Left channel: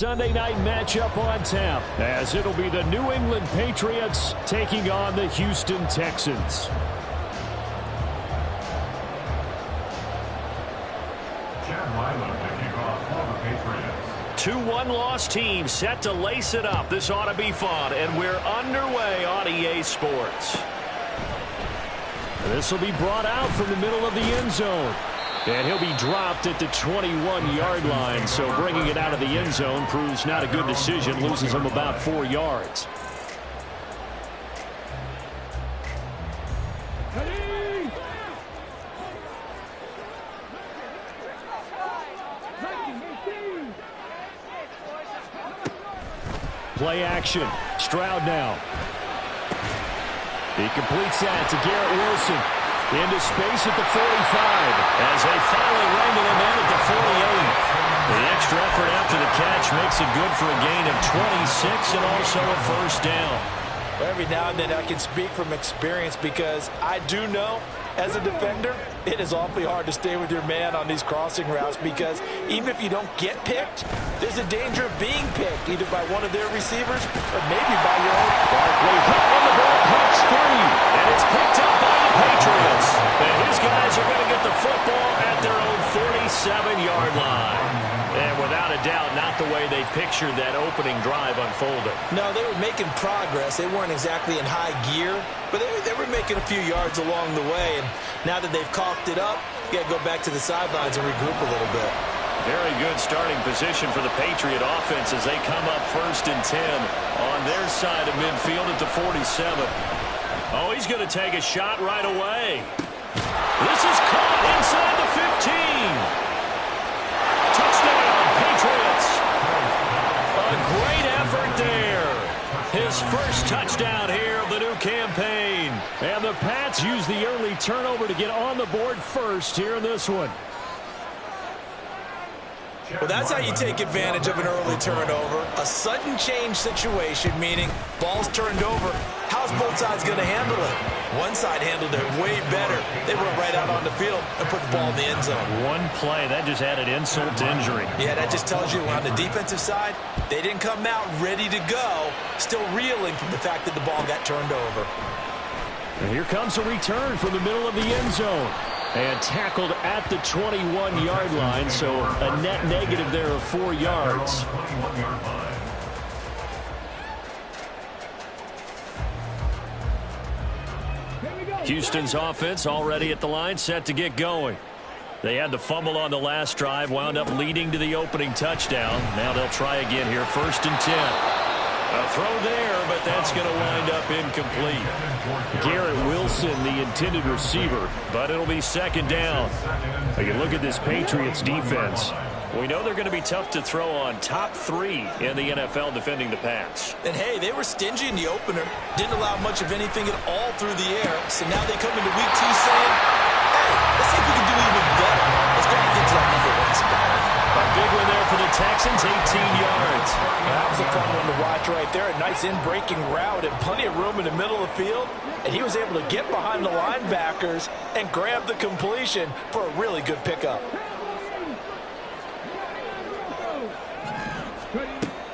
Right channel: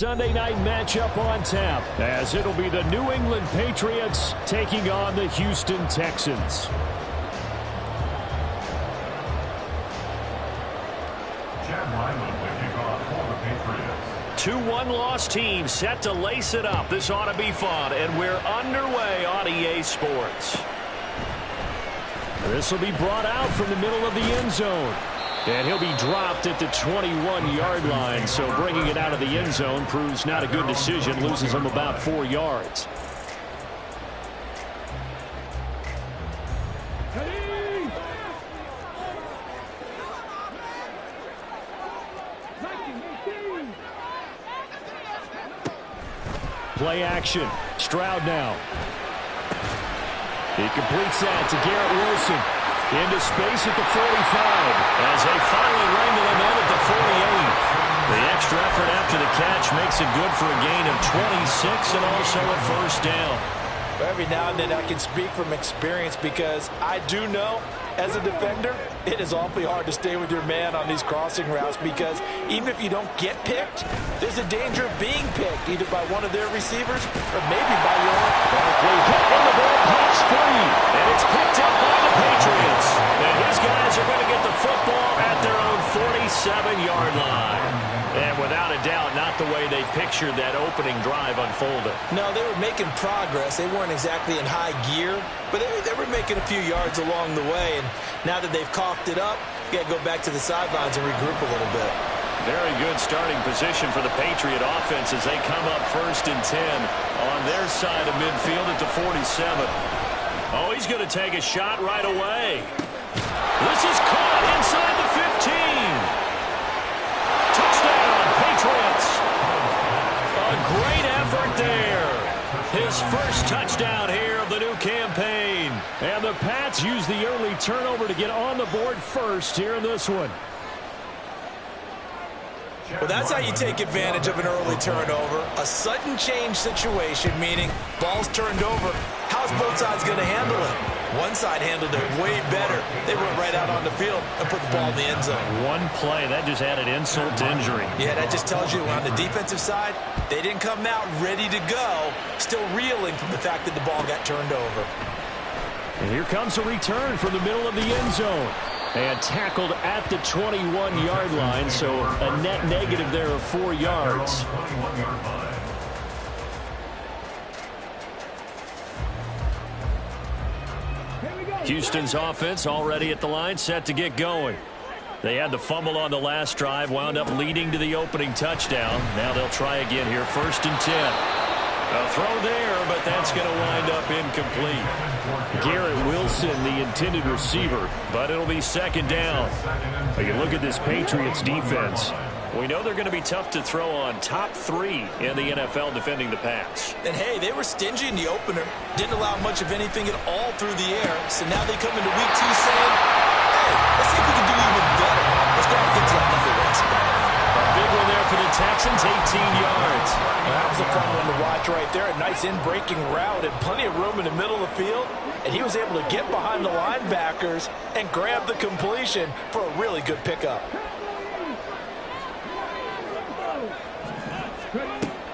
Sunday night matchup on tap, as it'll be the New England Patriots taking on the Houston Texans. Chad Ryland to kick off for the Patriots. 2 one-loss teams set to lace it up. This ought to be fun, and we're underway on EA Sports. This will be brought out from the middle of the end zone. And he'll be dropped at the 21-yard line, so bringing it out of the end zone proves not a good decision, loses him about 4 yards. Play action. Stroud now. He completes that to Garrett Wilson. Into space at the 45 as they finally wrangle him in at the 48. The extra effort after the catch makes it good for a gain of 26 and also a first down. Every now and then I can speak from experience because I do know as a defender it is awfully hard to stay with your man on these crossing routes because even if you don't get picked, there's a danger of being picked either by one of their receivers or maybe by your own. Barkley hit and the ball pops free, and it's picked up by the Patriots. And his guys are going to get the football at their own 47-yard line. And without a doubt, not the way they pictured that opening drive unfolded. No, they were making progress. They weren't exactly in high gear, but they were making a few yards along the way. And now that they've coughed it up, you got to go back to the sidelines and regroup a little bit. Very good starting position for the Patriot offense as they come up 1st and 10 on their side of midfield at the 47. Oh, he's going to take a shot right away. This is caught inside the 15. Touchdown, Patriots. A great effort there. His first touchdown here of the new campaign. And the Pats use the early turnover to get on the board first here in this one. Well, that's how you take advantage of an early turnover. A sudden change situation, meaning ball's turned over. How's both sides going to handle it? One side handled it way better. They went right out on the field and put the ball in the end zone. One play, that just added insult to injury. Yeah, that just tells you on the defensive side, they didn't come out ready to go, still reeling from the fact that the ball got turned over. And here comes a return from the middle of the end zone. And tackled at the 21-yard line, so a net negative there of 4 yards. Houston's offense already at the line, set to get going. They had the fumble on the last drive, wound up leading to the opening touchdown. Now they'll try again here, 1st and 10. A throw there, but that's going to wind up incomplete. Garrett Wilson, the intended receiver, but it'll be 2nd down. You look at this Patriots defense. We know they're going to be tough to throw on, top 3 in the NFL defending the pass. And hey, they were stingy in the opener. Didn't allow much of anything at all through the air. So now they come into week 2 saying, hey, let's see if we can do even better. Let's go and get to that #1 spot. A big one there for the Texans, 18 yards. Well, that was a fun one to watch right there. A nice in-breaking route and plenty of room in the middle of the field. And he was able to get behind the linebackers and grab the completion for a really good pickup.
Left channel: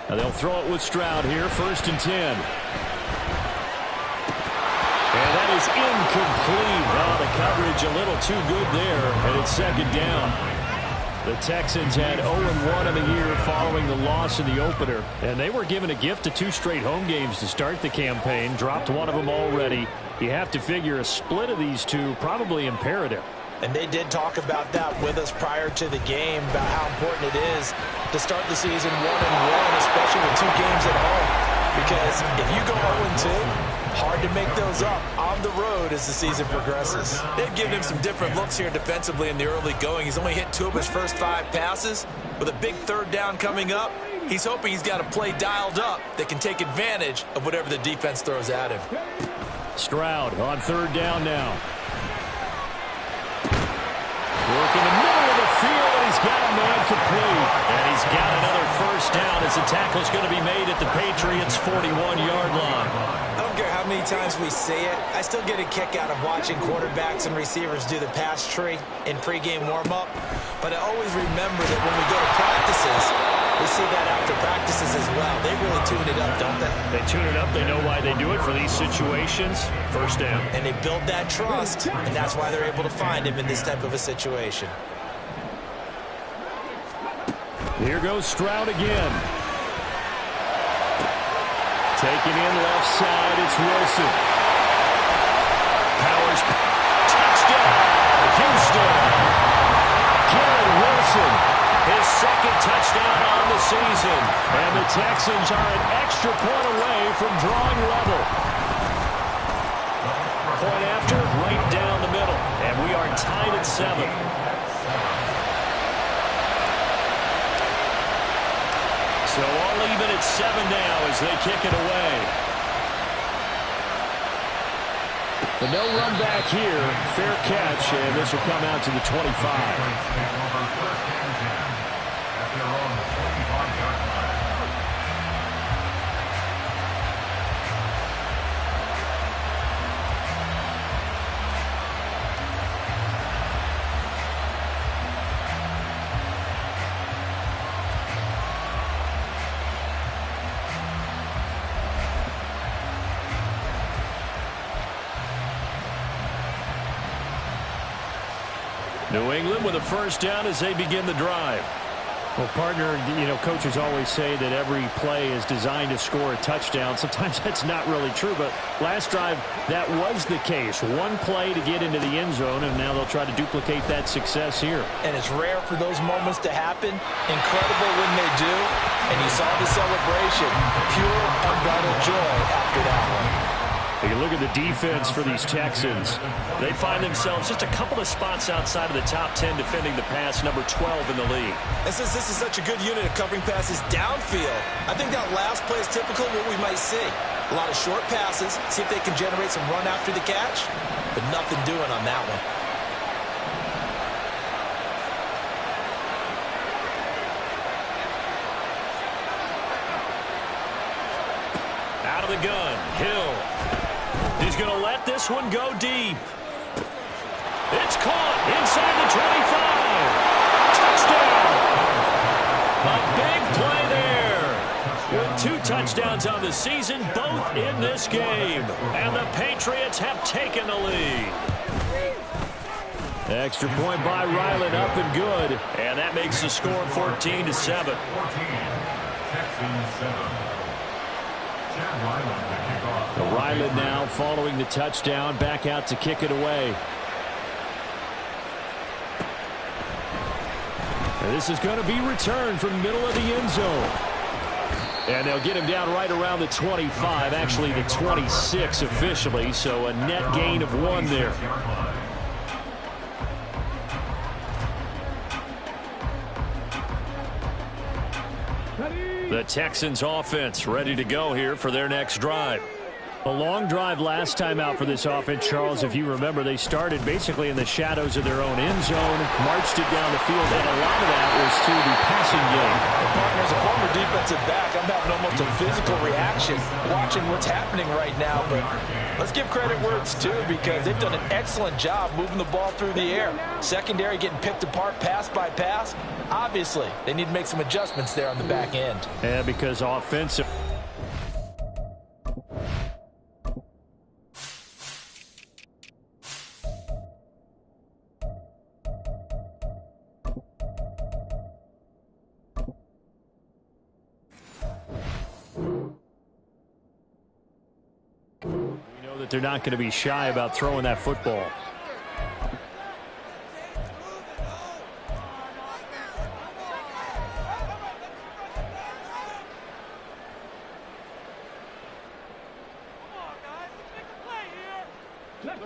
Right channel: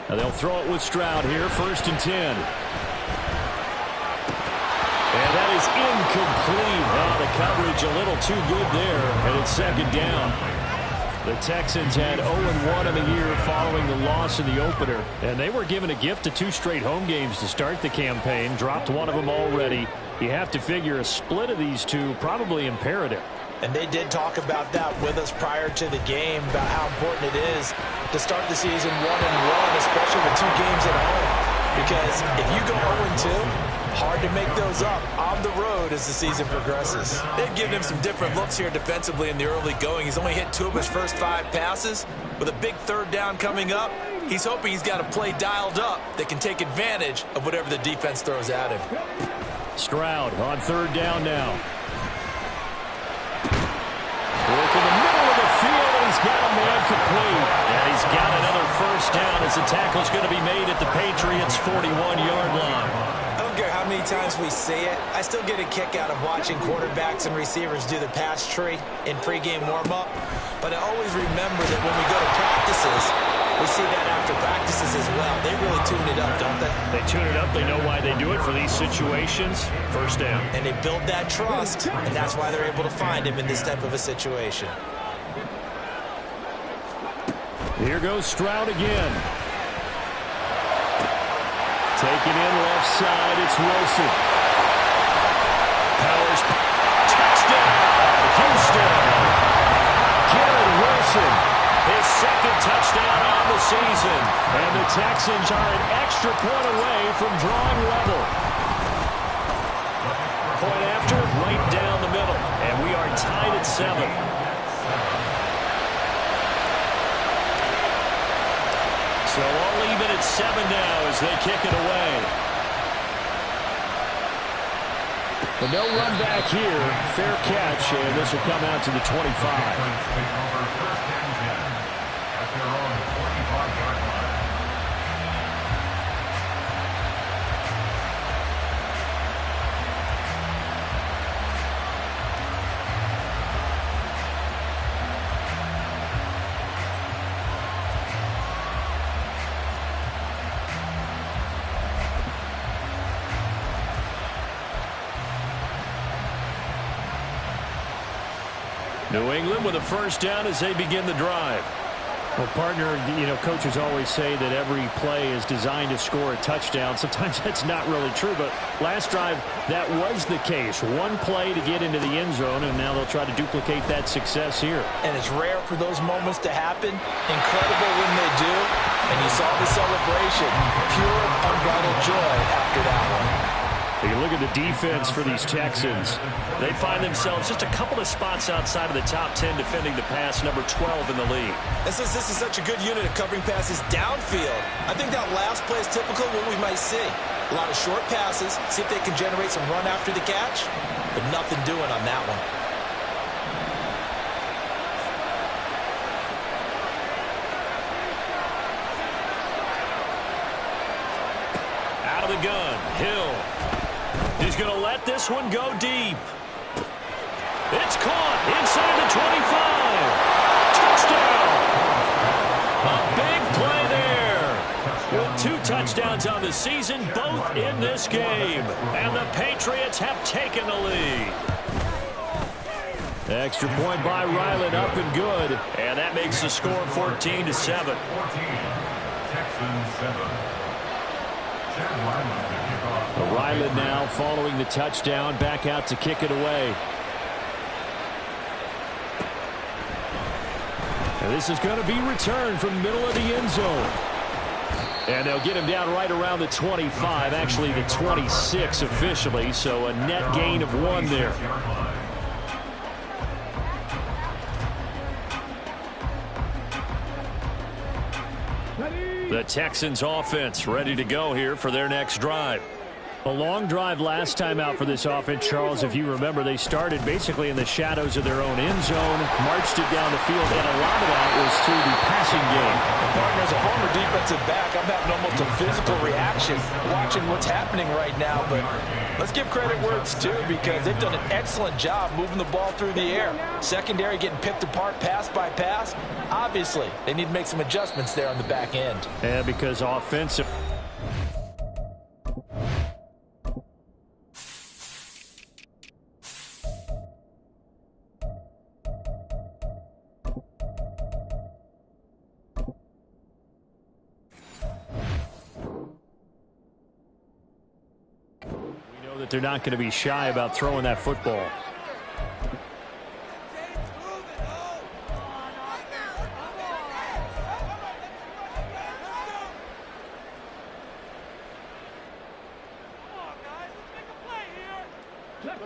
Now they'll throw it with Stroud here, 1st and 10. And that is incomplete. Oh, the coverage a little too good there, and it's 2nd down. The Texans had 0-1 in the year following the loss in the opener, and they were given a gift of 2 straight home games to start the campaign, dropped one of them already. You have to figure a split of these two probably imperative. And they did talk about that with us prior to the game, about how important it is to start the season 1-1, especially with 2 games at home. Because if you go 0-2, hard to make those up on the road as the season progresses. They've given him some different looks here defensively in the early going. He's only hit 2 of his first 5 passes. With a big 3rd down coming up, he's hoping he's got a play dialed up that can take advantage of whatever the defense throws at him. Stroud on 3rd down now. Work in the middle of the field, and he's got a man complete. And he's got another first down as the tackle's going to be made at the Patriots' 41-yard line. I don't care how many times we say it, I still get a kick out of watching quarterbacks and receivers do the pass tree in pregame warm-up. But I always remember that when we go to practices, We see that after practices as well. They really tune it up, don't they? They tune it up. They know why they do it for these situations. First down. And they build that trust, and that's why they're able to find him in this type of a situation. Here goes Stroud again. Taking in left side, it's Wilson. Powers. Touchdown, Houston. Garrett Wilson, his second touchdown on the season. And the Texans are an extra point away from drawing level. Point after, right down the middle. And we are tied at 7. So all even at 7 now as they kick it away. But no run back here. Fair catch, and this will come out to the 25. New England with a first down as they begin the drive. Well, partner, coaches always say that every play is designed to score a touchdown. Sometimes that's not really true, but last drive, that was the case. One play to get into the end zone, and now they'll try to duplicate that success here. And it's rare for those moments to happen. Incredible when they do. And you saw the celebration. Pure, unbridled joy after that one. You look at the defense for these Texans. They find themselves just a couple of spots outside of the top 10 defending the pass, number 12 in the league. And since this is such a good unit of covering passes downfield, I think that last play is typical of what we might see. A lot of short passes, see if they can generate some run after the catch, but nothing doing on that one. Out of the gun, Hill. He's going to let this one go deep. It's caught inside the 25. Touchdown. A big play there. With 2 touchdowns on the season, both in this game. And the Patriots have taken the lead. Extra point by Ryland, up and good. And that makes the score 14-7. 14. Texans 7. Ryland now following the touchdown, back out to kick it away. And this is going to be returned from the middle of the end zone. And they'll get him down right around the 25, actually the 26 officially, so a net gain of 1 there. The Texans offense ready to go here for their next drive. A long drive last time out for this offense, Charles. If you remember, they started basically in the shadows of their own end zone, marched it down the field, and a lot of that was through the passing game. And partner, as a former defensive back, I'm having almost a physical reaction watching what's happening right now. But let's give credit where it's due, because they've done an excellent job moving the ball through the air. Secondary getting picked apart pass by pass. Obviously, they need to make some adjustments there on the back end. Yeah, because offensive. We know that they're not going to be shy about throwing that football.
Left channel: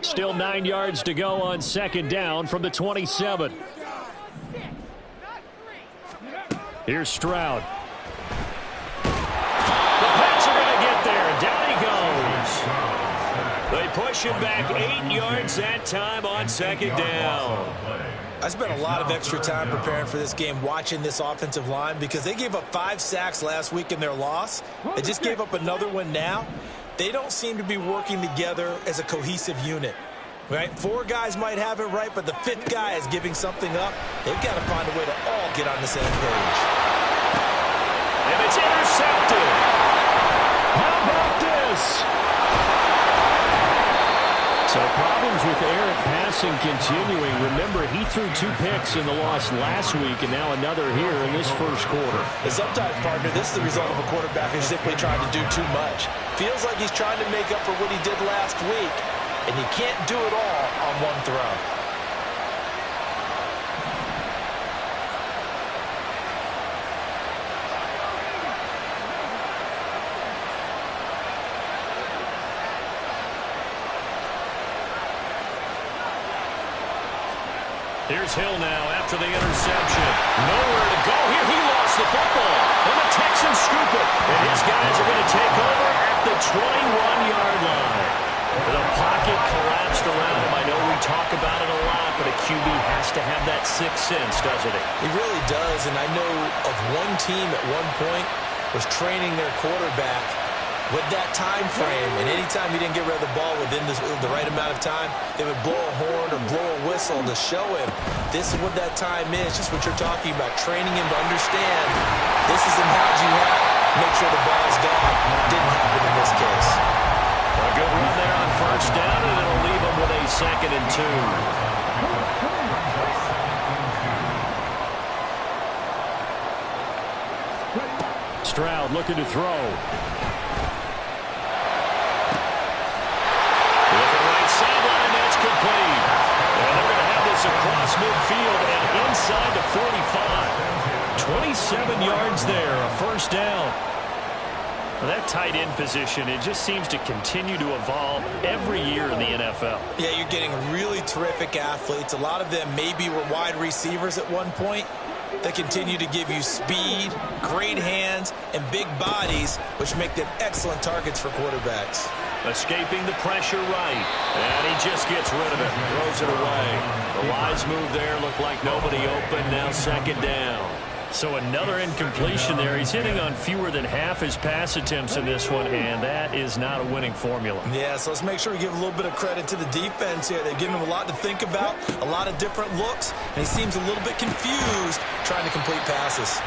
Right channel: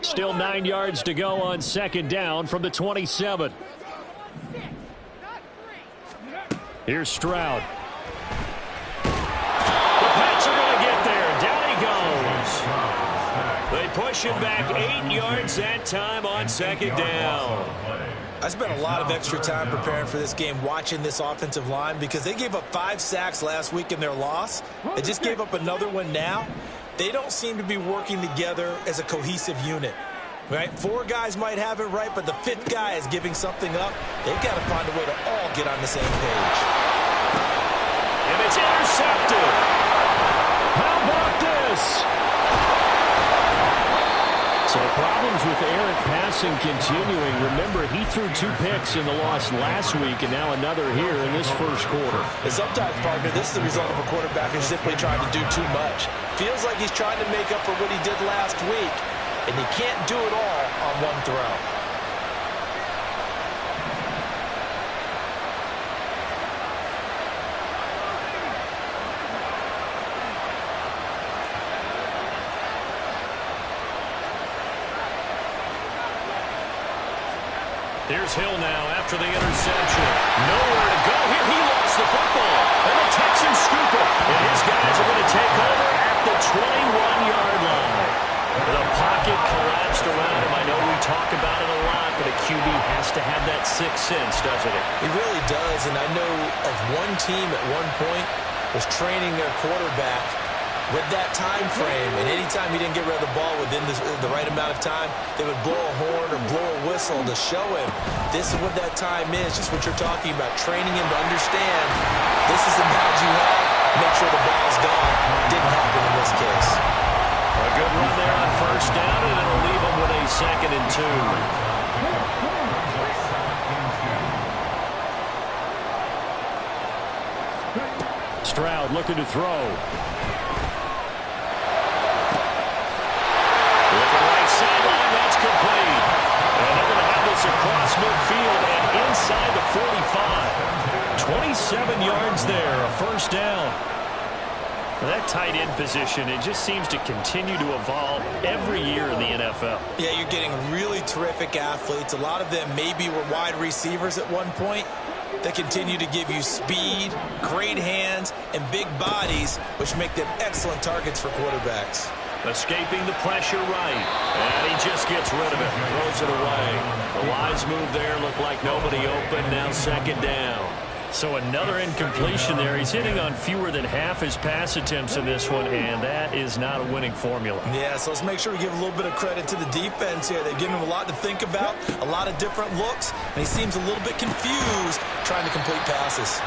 Still 9 yards to go on second down from the 27. Here's Stroud. The Pats are going to get there. Down he goes. They push him back 8 yards that time on second down. I spent a lot of extra time preparing for this game, watching this offensive line, because they gave up 5 sacks last week in their loss. They just gave up another one now. They don't seem to be working together as a cohesive unit, right? 4 guys might have it right, but the 5th guy is giving something up. They've got to find a way to all get on the same page. And it's intercepted. How about this? So problems with errant passing continuing. Remember, he threw 2 picks in the loss last week, and now another here in this first quarter. And sometimes, partner, this is the result of a quarterback who's simply trying to do too much. Feels like he's trying to make up for what he did last week, and he can't do it all on one throw. Here's Hill now after the interception. Nowhere to go here. He lost the football. And the Texans scoop it. And his guys are going to take over at the 21-yard line. The pocket collapsed around him. I know we talk about it a lot, but a QB has to have that sixth sense, doesn't it? He really does. And I know of one team at one point was training their quarterback with that time frame, and anytime he didn't get rid of the ball within the right amount of time, they would blow a horn or blow a whistle to show him this is what that time is, just what you're talking about, training him to understand this is the knowledge you have, make sure the ball's gone. Didn't happen in this case. A good run there on first down, and it'll leave him with a 2nd and 2. Stroud looking to throw. Looking right sideline, that's complete. And they're going to have this across midfield and inside the 45. 27 yards there, a first down. Well, that tight end position, it just seems to continue to evolve every year in the NFL. Yeah, you're getting really terrific athletes. A lot of them maybe were wide receivers at one point. They continue to give you speed, great hands, and big bodies, which make them excellent targets for quarterbacks. Escaping the pressure right. And he just gets rid of it. Throws it away. The wise move there. Looked like nobody open. Now 2nd down. So another incompletion there. He's hitting on fewer than half his pass attempts in this one, and that is not a winning formula. Yeah, so let's make sure we give a little bit of credit to the defense here. They've given him a lot to think about, a lot of different looks, and he seems a little bit confused trying to complete passes.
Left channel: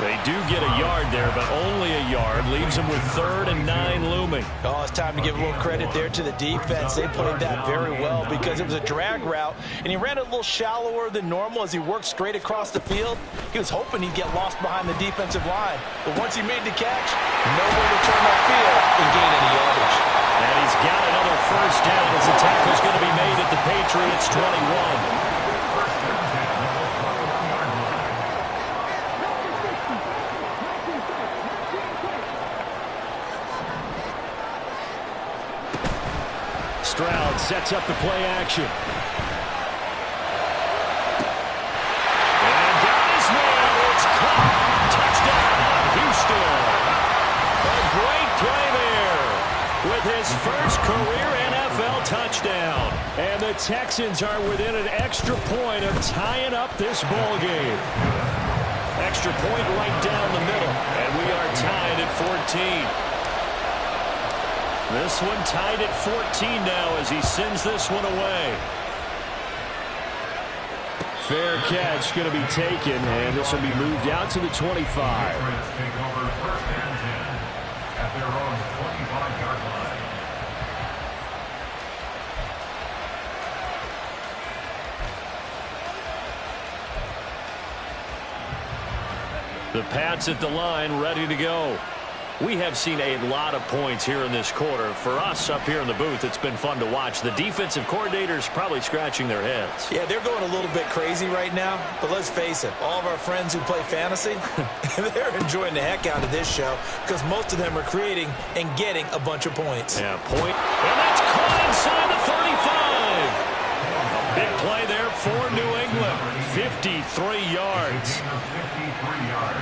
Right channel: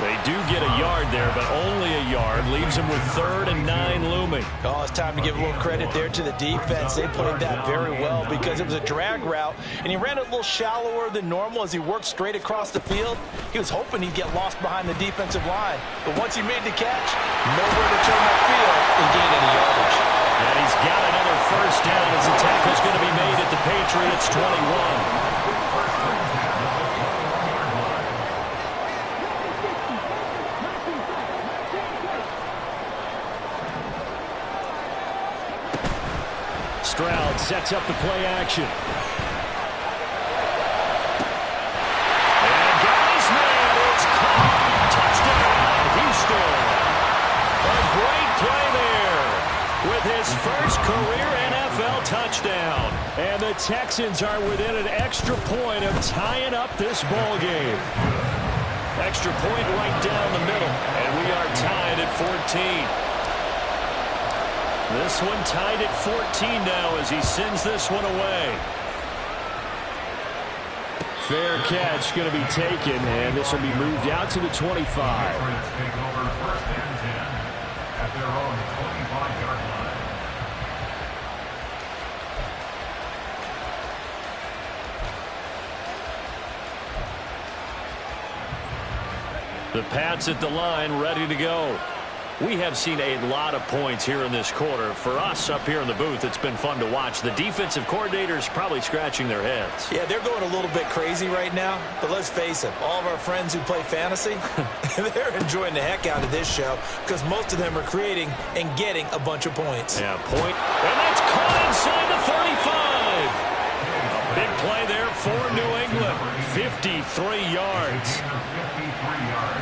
They do get a yard there, but only a yard. Leaves them with 3rd and 9 looming. Oh, it's time to give a little credit there to the defense. They played that very well because it was a drag route, and he ran a little shallower than normal as he worked straight across the field. He was hoping he'd get lost behind the defensive line, but once he made the catch, nowhere to turn that field and gain any yardage. And he's got another first down as the tackle's going to be made at the Patriots' 21. Stroud sets up the play action. And got his man. It's caught. Touchdown, Houston. A great play there with his first career NFL touchdown. And the Texans are within an extra point of tying up this ball game. Extra point right down the middle. And we are tied at 14. This one tied at 14 now as he sends this one away. Fair catch going to be taken, and this will be moved out to the 25. Take over 1st and 10 at their own 25-yard line. The Pats at the line, ready to go. We have seen a lot of points here in this quarter. For us up here in the booth, it's been fun to watch. The defensive coordinators probably scratching their heads. Yeah, they're going a little bit crazy right now, but let's face it, all of our friends who play fantasy, they're enjoying the heck out of this show because most of them are creating and getting a bunch of points. Yeah, point. And that's caught inside the 35. A big play there for New England. 53 yards. 53 yards.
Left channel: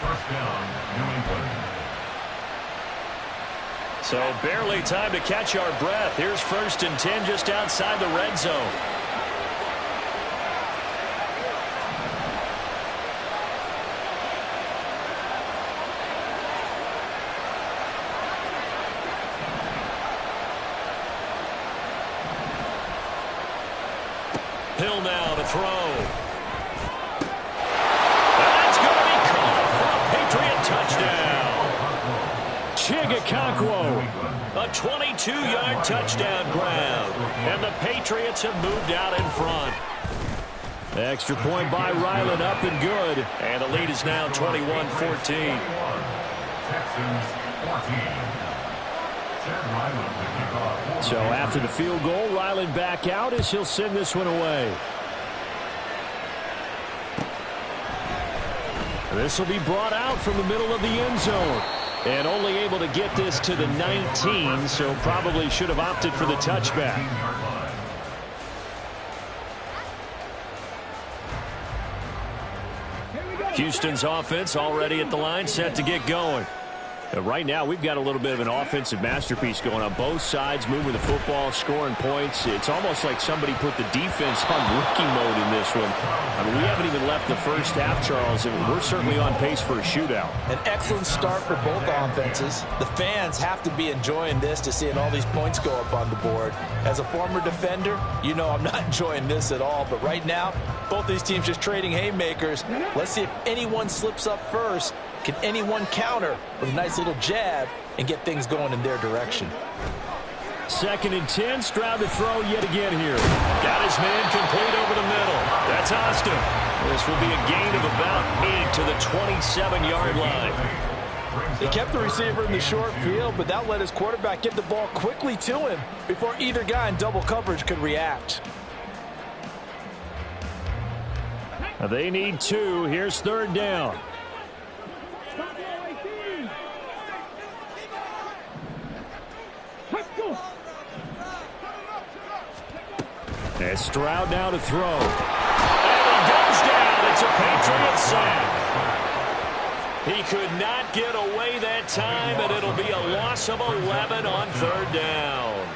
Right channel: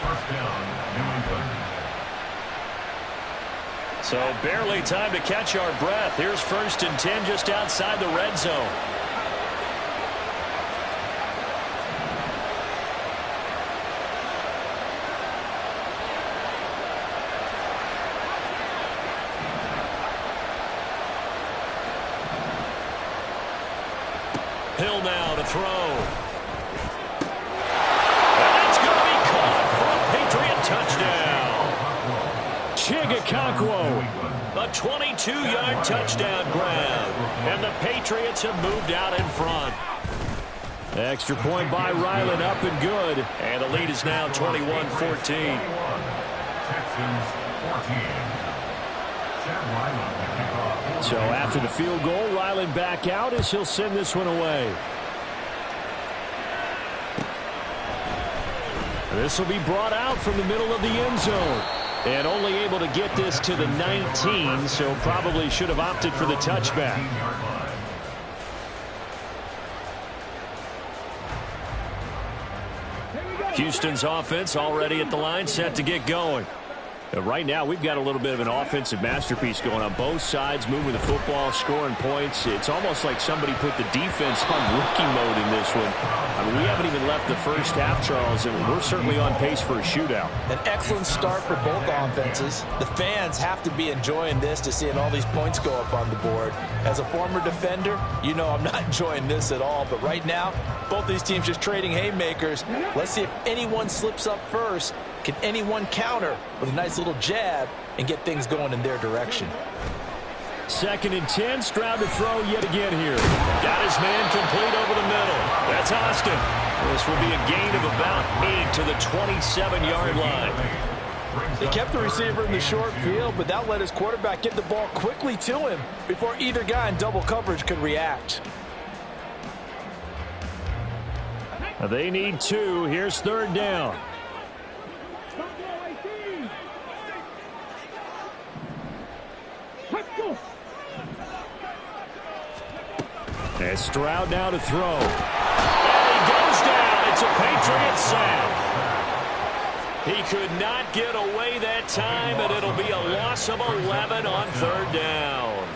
First down, New England. So barely time to catch our breath. Here's 1st and 10 just outside the red zone. Hill now to throw. And that's going to be caught for a Chigakonkwo. A 22-yard touchdown grab. And the Patriots have moved out in front. Extra point by Ryland, up and good. And the lead is now 21-14. Texans 14. So after the field goal, Ryland back out as he'll send this one away. This will be brought out from the middle of the end zone. And only able to get this to the 19, so probably should have opted for the touchback. Houston's offense already at the line, set to get going. Right now, we've got a little bit of an offensive masterpiece going on both sides, moving the football, scoring points. It's almost like somebody put the defense on rookie mode in this one. I mean, we haven't even left the first half, Charles, and we're certainly on pace for a shootout. An excellent start for both offenses. The fans have to be enjoying this to seeing all these points go up on the board. As a former defender, you know I'm not enjoying this at all. But right now, both these teams just trading haymakers. Let's see if anyone slips up first. Can anyone counter with a nice little jab and get things going in their direction? 2nd and 10, Stroud to throw yet again here. Got his man complete over the middle. That's Austin. This will be a gain of about 8 to the 27-yard line. They kept the receiver in the short field, but that let his quarterback get the ball quickly to him before either guy in double coverage could react. They need 2. Here's 3rd down. And Stroud now to throw. And he goes down. It's a Patriot sack. He could not get away that time, and it'll be a loss of 11 on 3rd down.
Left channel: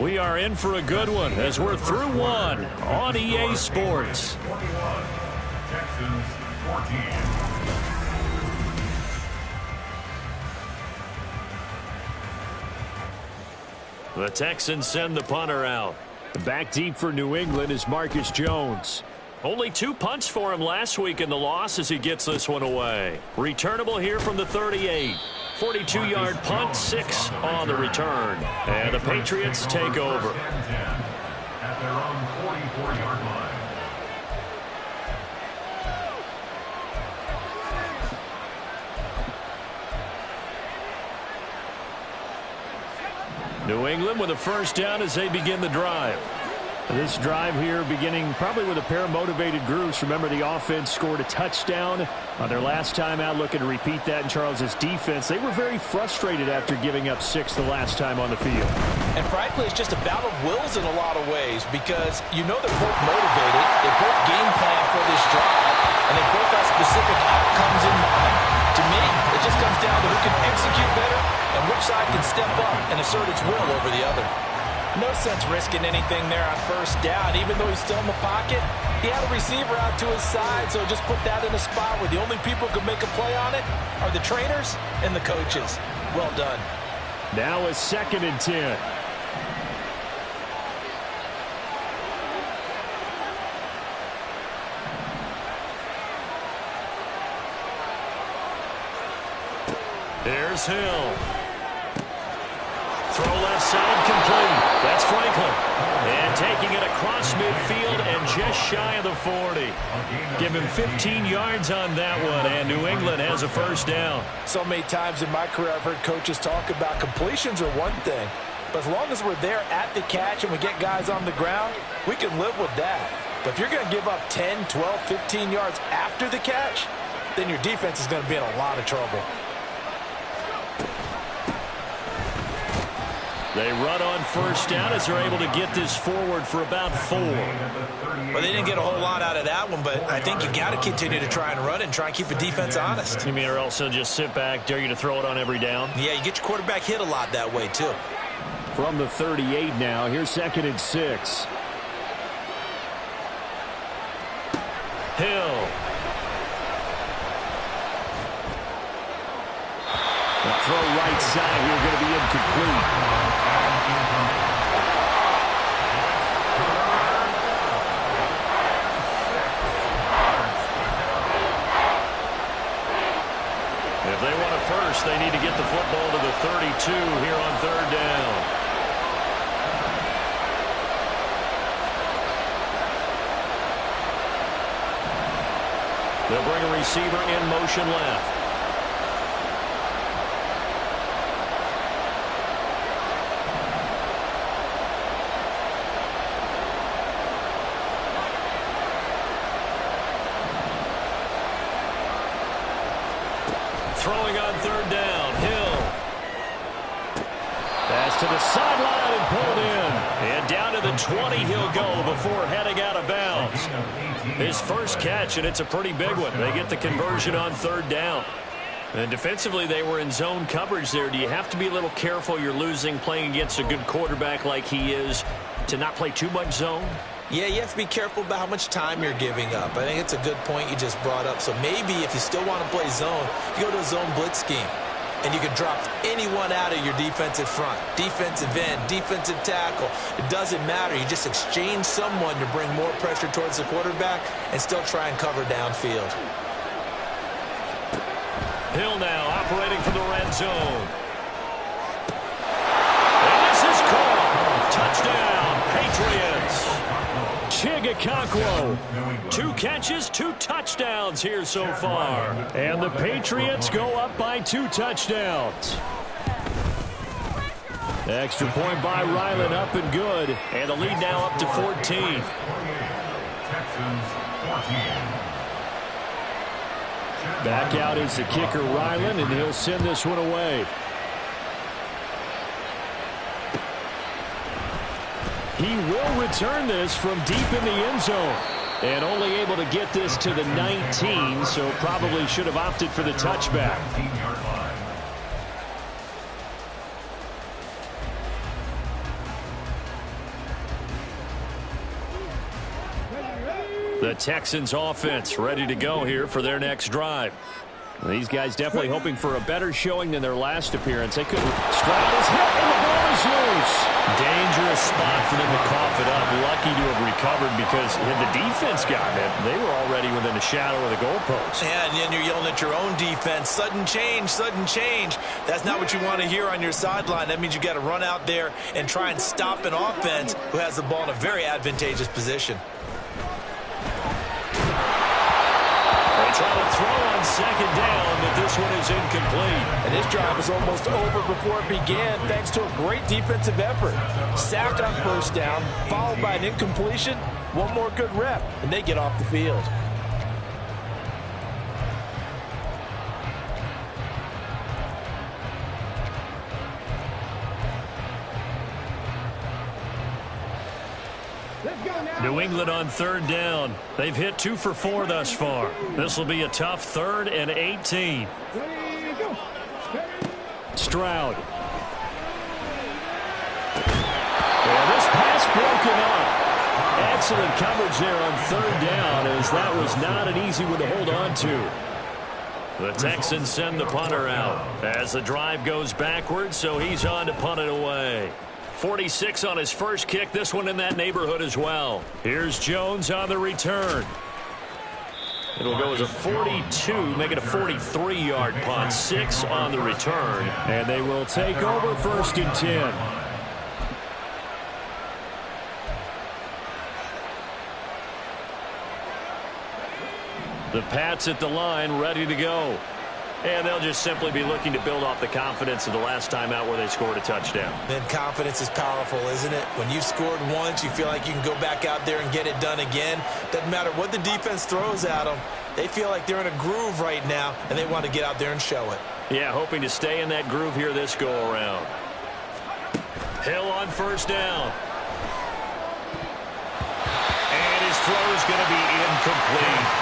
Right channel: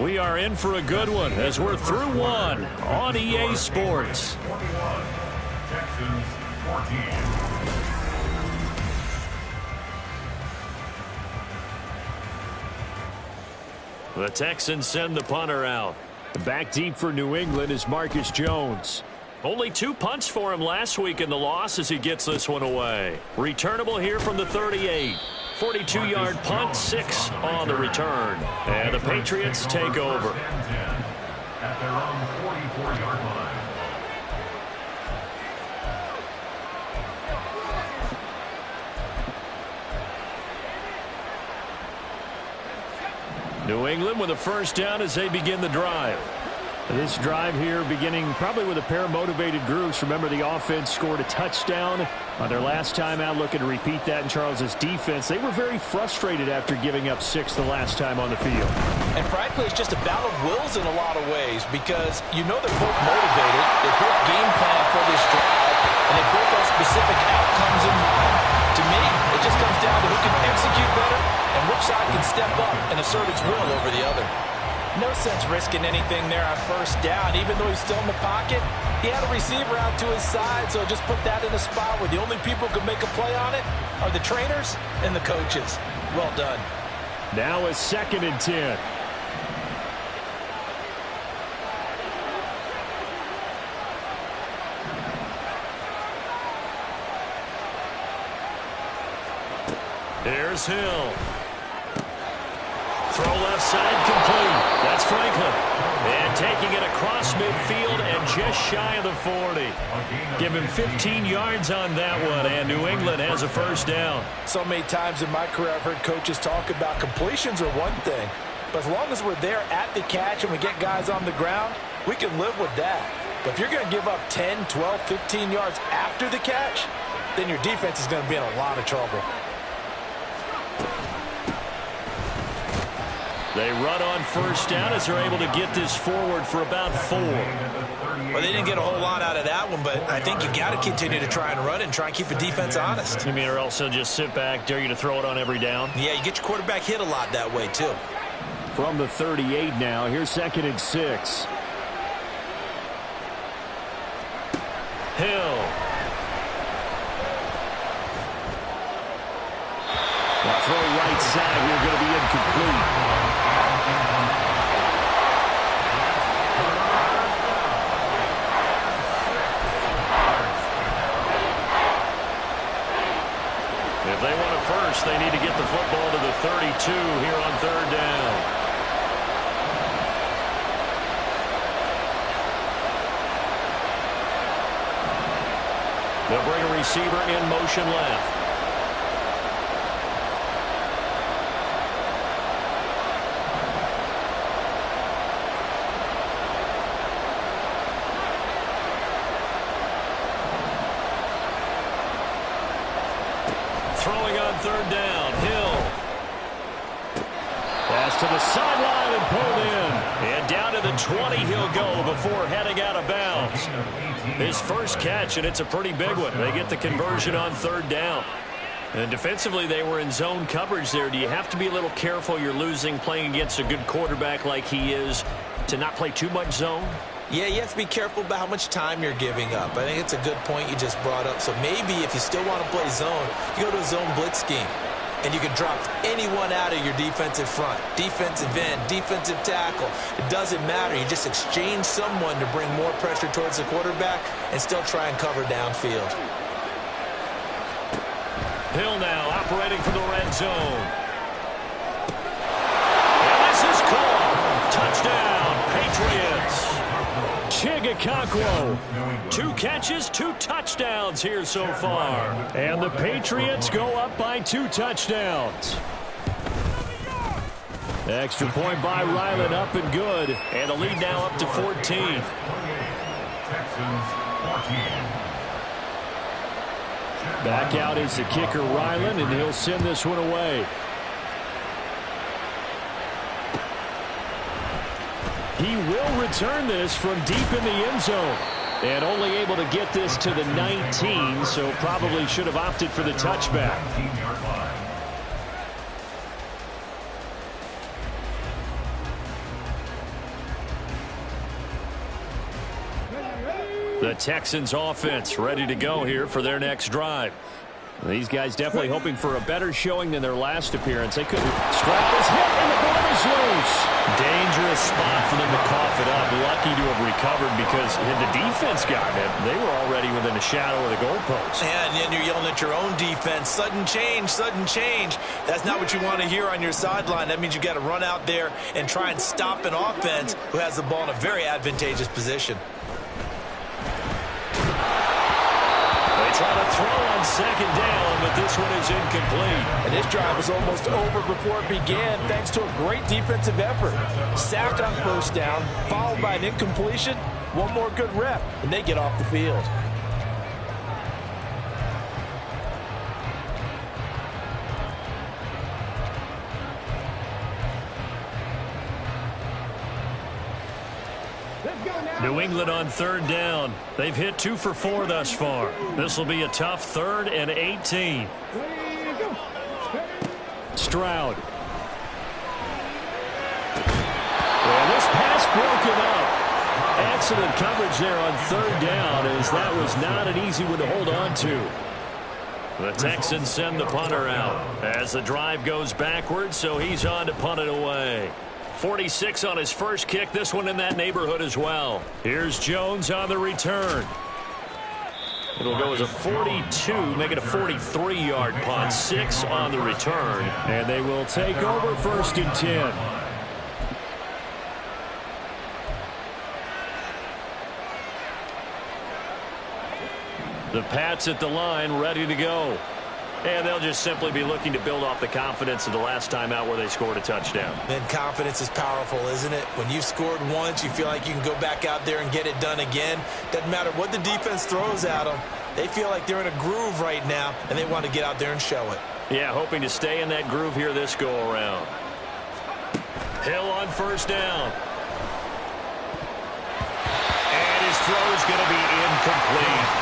We are in for a good one as we're through one on EA Sports. Texans 14. The Texans send the punter out. Back deep for New England is Marcus Jones. Only 2 punts for him last week in the loss as he gets this one away. Returnable here from the 38. 42-yard punt, 6 on the return. And the Patriots take over. At their own 44-yard line. New England with a 1st down as they begin the drive. This drive here beginning probably with a pair of motivated groups. Remember, the offense scored a touchdown on their last time out, looking to repeat that in Charles's defense. They were very frustrated after giving up 6 the last time on the field. And frankly, it's just a battle of wills in a lot of ways because you know they're both motivated. They both game plan for this drive, and they both have specific outcomes in mind. To me, it just comes down to who can execute better and which side can step up and assert its will over the other. No sense risking anything there on 1st down. Even though he's still in the pocket, he had a receiver out to his side, so just put that in a spot where the only people who can make a play on it are the trainers and the coaches. Well done. Now a 2nd and 10. Here's Hill. Throw left side complete. That's Franklin. And taking it across midfield and just shy of the 40. Give him 15 yards on that one, and New England has a 1st down. So many times in my career I've heard coaches talk about completions are one thing, but as long as we're there at the catch and we get guys on the ground, we can live with that. But if you're going to give up 10, 12, 15 yards after the catch, then your defense is going to be in a lot of trouble. They run on 1st down as they're able to get this forward for about 4. Well, they didn't get a whole lot out of that one, but I think you've got to continue to try and run it and try and keep the defense honest. You mean, or else they'll just sit back, dare you to throw it on every down? Yeah, you get your quarterback hit a lot that way, too. From the 38 now, here's 2nd and 6. Hill. The throw right side here going to be incomplete. they want a first, they need to get the football to the 32 here on third down. They'll bring a receiver in motion left. Throwing on third down, Hill. Pass to the sideline and pulled in. And down to the 20 he'll go before heading out of bounds. His first catch, and it's a pretty big one. They get the conversion on third down. And defensively, they were in zone coverage there. Do you have to be a little careful? You're losing playing against a good quarterback like he is to not play too much zone? Yeah, you have to be careful about how much time you're giving up. I think it's a good point you just brought up. So maybe if you still want to play zone, you go to a zone blitz scheme. And you can drop anyone out of your defensive front. Defensive end, defensive tackle. It doesn't matter. You just exchange someone to bring more pressure towards the quarterback and still try and cover downfield. Hill now operating from the red zone. And this is caught. Touchdown, Patriots. Chigakonkwo. 2 catches, 2 touchdowns here so far. And the Patriots go up by 2 touchdowns. Extra point by Ryland, up and good. And the lead now up to 14. Texans 14. Back out is the kicker, Ryland, and he'll send this one away. He will return this from deep in the end zone. And only able to get this to the 19, so probably should have opted for the touchback. The Texans offense ready to go here for their next drive. These guys definitely hoping for a better showing than their last appearance. They couldn't. Stroud is hit and the ball is loose. Dangerous spot for them to cough it up. Lucky to have recovered because had the defense gotten it, they were already within a shadow of the goalpost. Yeah, and then you're yelling at your own defense. Sudden change, sudden change. That's not what you want to hear on your sideline. That means you got to run out there and try and stop an offense who has the ball in a very advantageous position. They try to throw on second down, but this one is incomplete. And this drive was almost over before it began thanks to a great defensive effort. Sack on first down, followed by an incompletion. One more good rep, and they get off the field. New England on third down. They've hit 2 for 4 thus far. This will be a tough 3rd and 18. Stroud. Yeah, this pass broken up. Excellent coverage there on third down, as that was not an easy one to hold on to. The Texans send the punter out as the drive goes backwards, so he's on to punt it away. 46 on his first kick, this one in that neighborhood as well. Here's Jones on the return. It'll go as a 42, make it a 43-yard punt. 6 on the return, and they will take over 1st and 10. The Pats at the line, ready to go. And they'll just simply be looking to build off the confidence of the last time out where they scored a touchdown. And confidence is powerful, isn't it? When you've scored once, you feel like you can go back out there and get it done again. Doesn't matter what the defense throws at them. They feel like they're in a groove right now, and they want to get out there and show it. Yeah, hoping to stay in that groove here this go-around. Hill on first down. And his throw is going to be incomplete.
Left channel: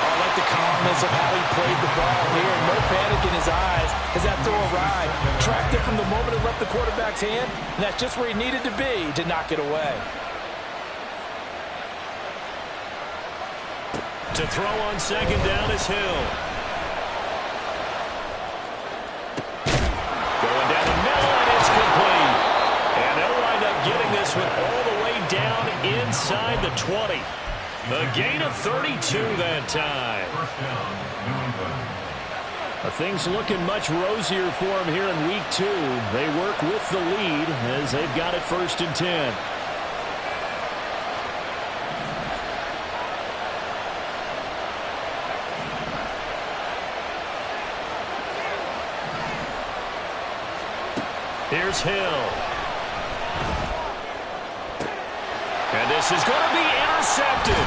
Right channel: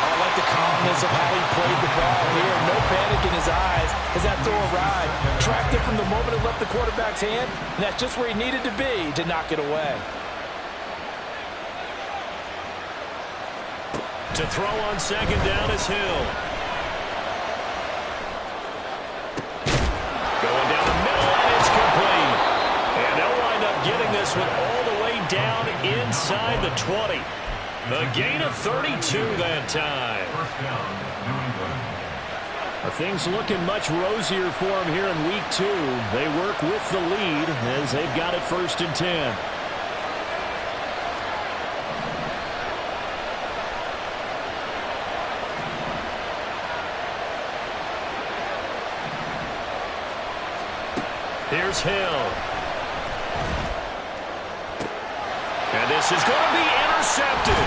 I like the calmness of how he played the ball here. No panic in his eyes as that throw arrived. Tracked it from the moment it left the quarterback's hand, and that's just where he needed to be to knock it away. To throw on second down is Hill. Going down the middle, and it's complete. And they'll wind up getting this one all the way down inside the 20. A gain of 32 that time. First down, New England. Things looking much rosier for him here in week 2. They work with the lead as they've got it 1st and 10. Here's Hill. And this is going to be intercepted.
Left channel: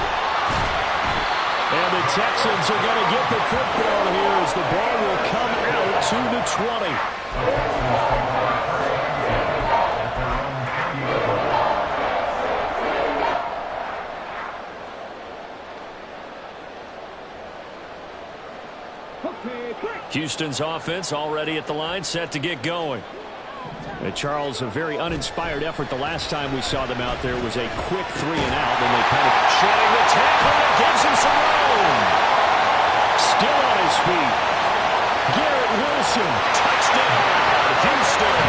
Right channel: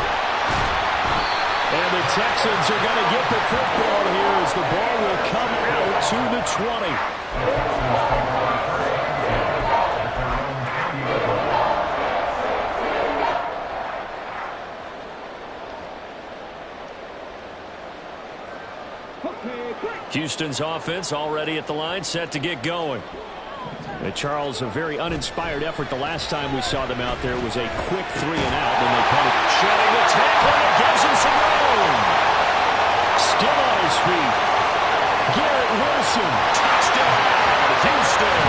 And the Texans are going to get the football here as the ball will come out to the 20. Houston's offense already at the line, set to get going. Charles, a very uninspired effort the last time we saw them out there. It was a quick 3 and out, then they kind of shedding the tackle, and it gives him some room. Still on his feet. Garrett Wilson, touchdown, Houston.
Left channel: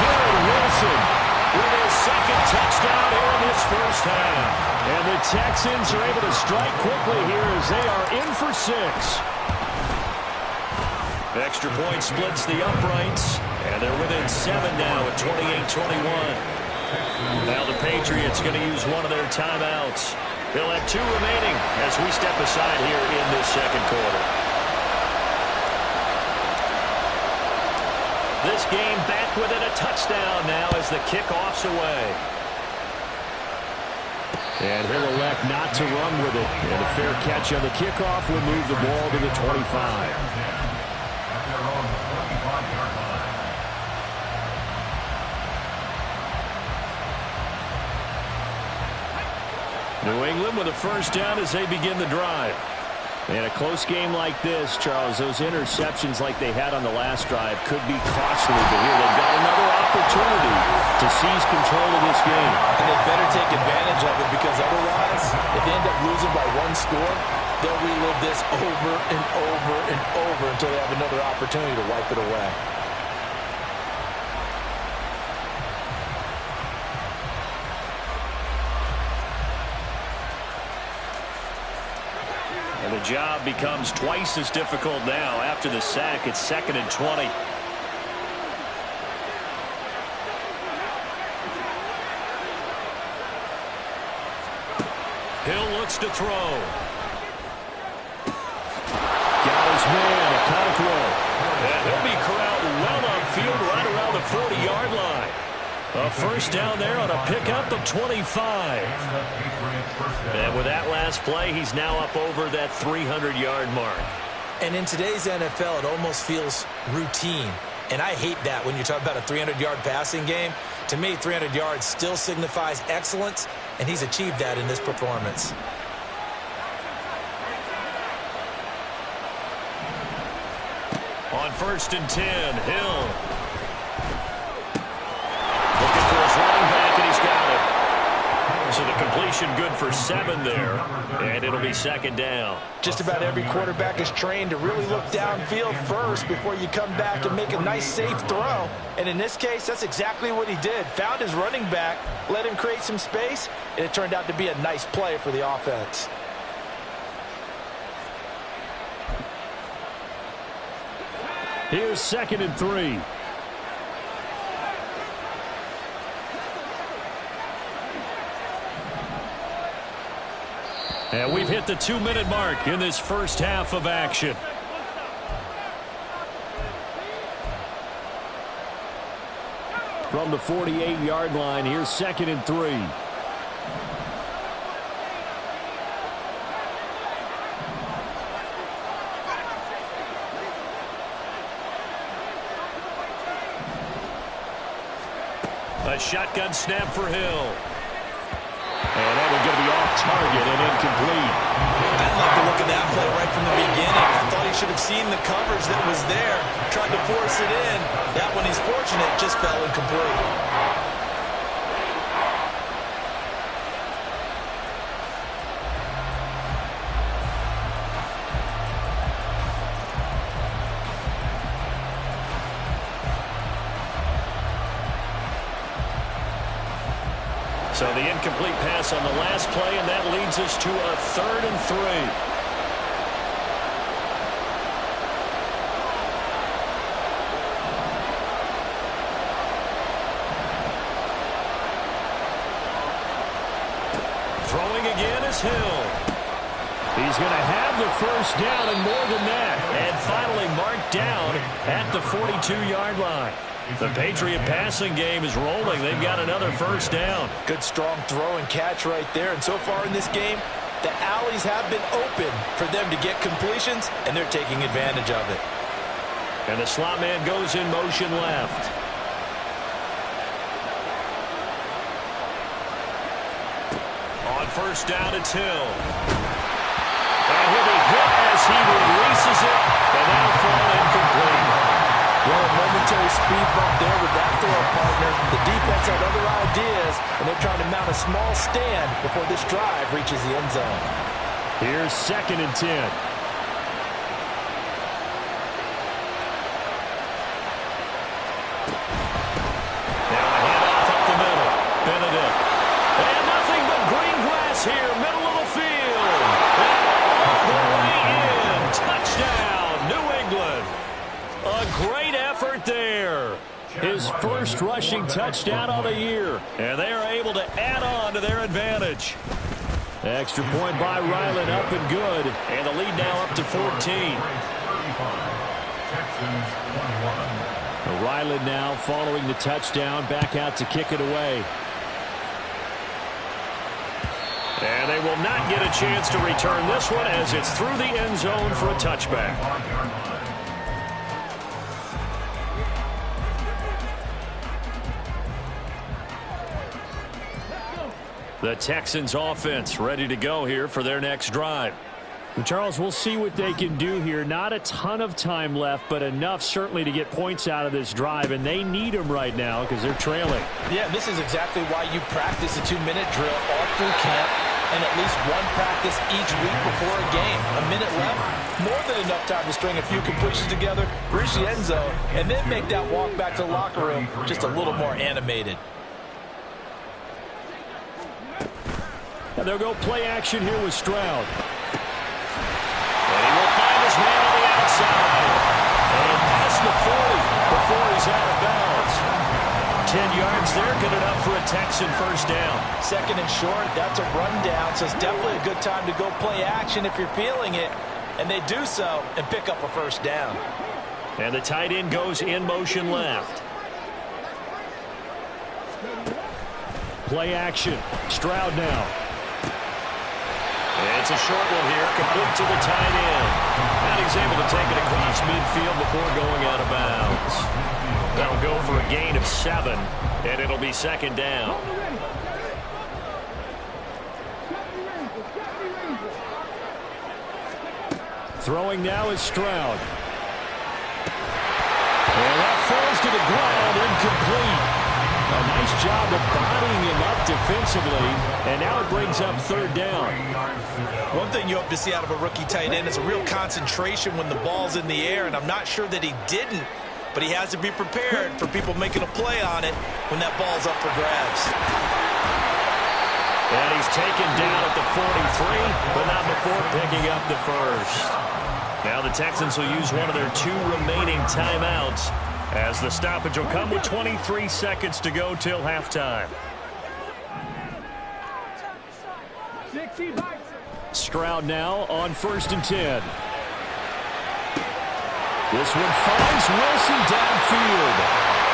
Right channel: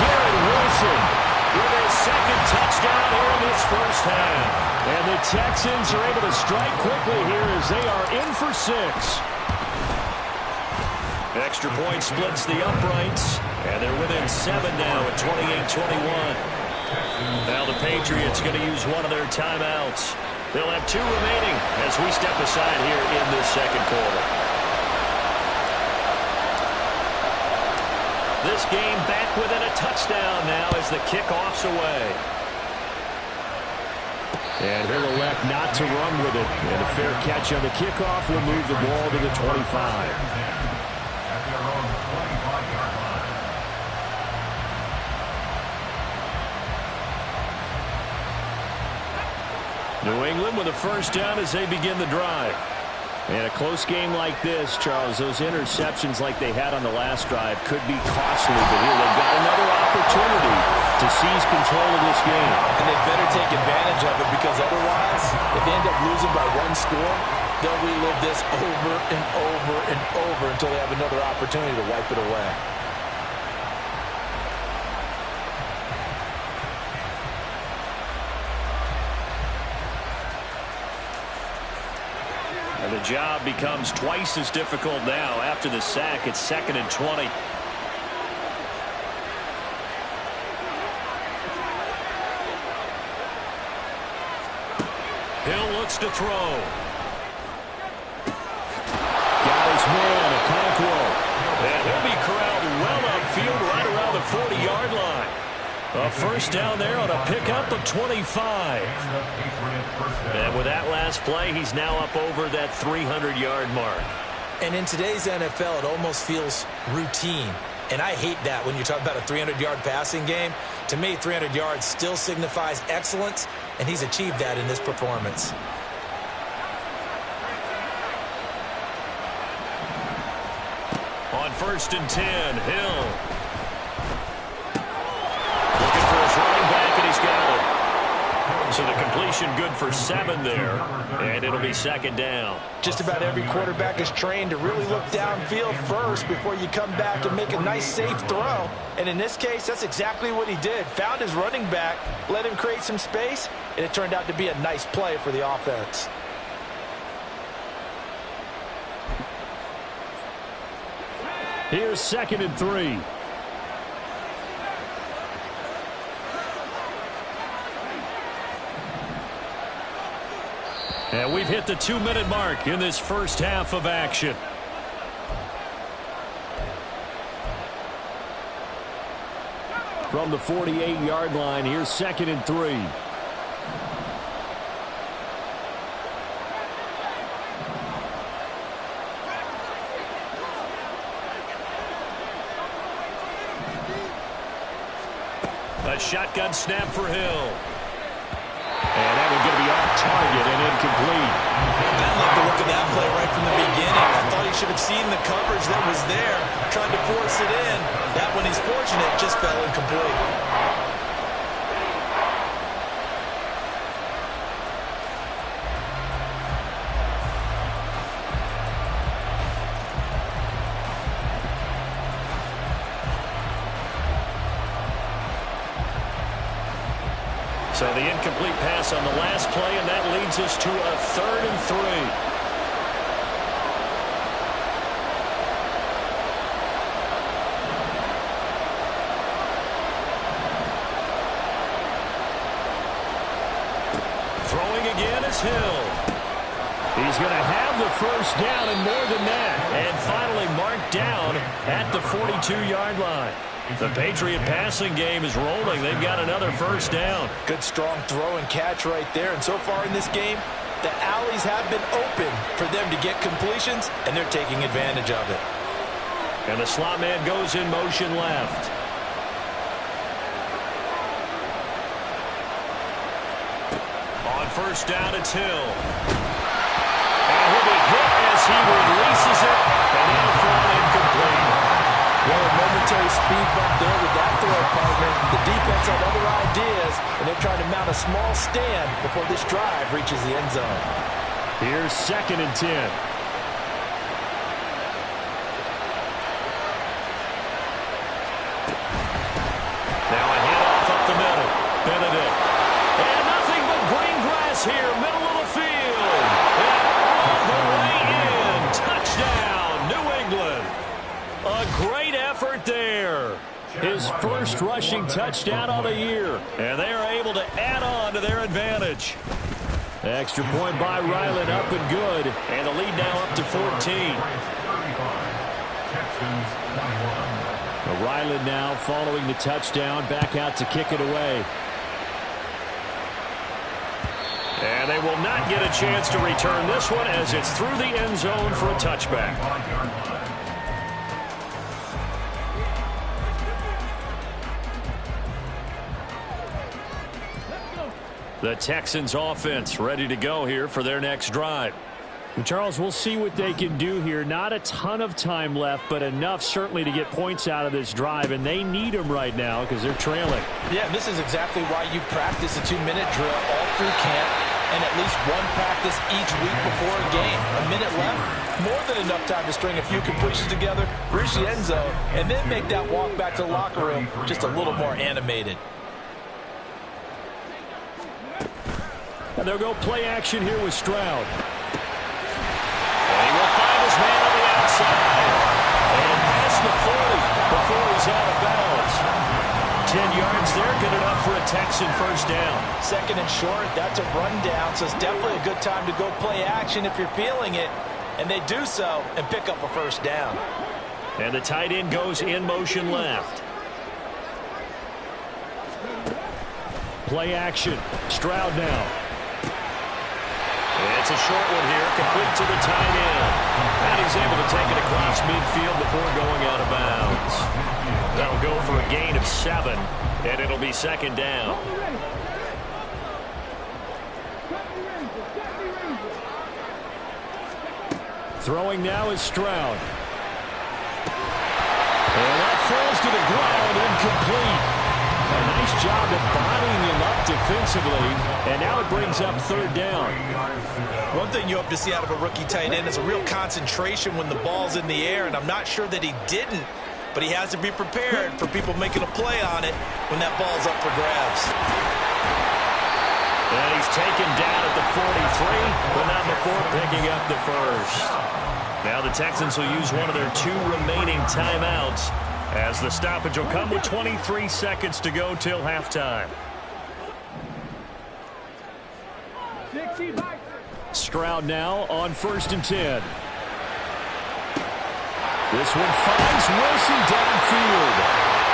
Garrett Wilson with his 2nd touchdown here in this first half. And the Texans are able to strike quickly here as they are in for 6. Extra point splits the uprights, and they're within 7 now at 28-21. Now the Patriots going to use one of their timeouts. They'll have 2 remaining as we step aside here in this 2nd quarter. This game back within a touchdown now as the kickoff's away. And he'll elect not to run with it. And a fair catch on the kickoff will move the ball to the 25. New England with a 1st down as they begin the drive. And a close game like this, Charles, those interceptions like they had on the last drive could be costly. But here they've got another opportunity to seize control of this game. And they better take advantage of it, because otherwise, if they end up losing by 1 score, they'll relive this over and over and over until they have another opportunity to wipe it away. And the job becomes twice as difficult now after the sack. It's 2nd and 20. Hill looks to throw. Got his man, Okonkwo. And he'll be corralled well upfield right around the 40-yard line. A 1st down there on a pickup of 25. And with that last play, he's now up over that 300-yard mark. And in today's NFL, it almost feels routine. And I hate that when you talk about a 300-yard passing game. To me, 300 yards still signifies excellence, and he's achieved that in this performance. On 1st and 10, Hill. Looking for his running back, and he's got it. So the completion good for 7 there, and it'll be 2nd down. Just about every quarterback is trained to really look downfield first before you come back and make a nice, safe throw. And in this case, that's exactly what he did. Found his running back, let him create some space, and it turned out to be a nice play for the offense. Here's 2nd and 3. And we've hit the 2-minute mark in this first half of action. From the 48-yard line, here's 2nd and 3. A shotgun snap for Hill. And that one's going to be off target and incomplete. I love the look of that play right from the beginning. I thought he should have seen the coverage that was there, tried to force it in. That one, he's fortunate, just fell incomplete. So the incomplete pass on the last play, and that leads us to a 3rd and 3. Throwing again is Hill. He's going to have the first down and more than that. And finally marked down at the 42-yard line. The Patriot passing game is rolling. They've got another first down. Good strong throw and catch right there. And so far in this game, the alleys have been open for them to get completions, and they're taking advantage of it. And the slot man goes in motion left. On first down, it's Hill. And he'll be hit as he releases it, and that'll fall incomplete. Well, a momentary speed bump there with that throw, partner. The defense had other ideas, and they're trying to mount a small stand before this drive reaches the end zone. Here's 2nd and 10. Now a handoff up the middle. Benedict. And nothing but green grass here, middle of the field. And all the way in. Touchdown, New England. A great effort there. His first rushing touchdown of the year. And they are able to add on to their advantage. Extra point by Ryland, up and good. And the lead now up to 14. Ryland now following the touchdown, back out to kick it away. And they will not get a chance to return this one as it's through the end zone for a touchback. The Texans offense ready to go here for their next drive. Well, Charles, we'll see what they can do here. Not a ton of time left, but enough certainly to get points out of this drive, and they need them right now because they're trailing. Yeah, this is exactly why you practice a 2-minute drill all through camp and at least one practice each week before a game. A minute left, more than enough time to string a few completions together, reach the end zone, and then make that walk back to the locker room just a little more animated. And they'll go play action here with Stroud. And he will find his man on the outside. And past the 40 before he's out of bounds. 10 yards there, good enough for a Texan first down. 2nd and short, that's a rundown, so it's definitely a good time to go play action if you're feeling it. And they do so and pick up a first down. And the tight end goes in motion left. Play action. Stroud now. It's a short one here, complete to the tight end. And he's able to take it across midfield before going out of bounds. That'll go for a gain of 7, and it'll be 2nd down. Throwing now is Stroud. And that falls to the ground, incomplete. A nice job of bodying him up defensively, and now it brings up 3rd down. One thing you hope to see out of a rookie tight end is a real concentration when the ball's in the air, and I'm not sure that he didn't, but he has to be prepared for people making a play on it when that ball's up for grabs. And he's taken down at the 43, but not before picking up the first. Now the Texans will use one of their 2 remaining timeouts, as the stoppage will come with 23 seconds to go till halftime. Stroud now on 1st and 10. This one finds Wilson downfield.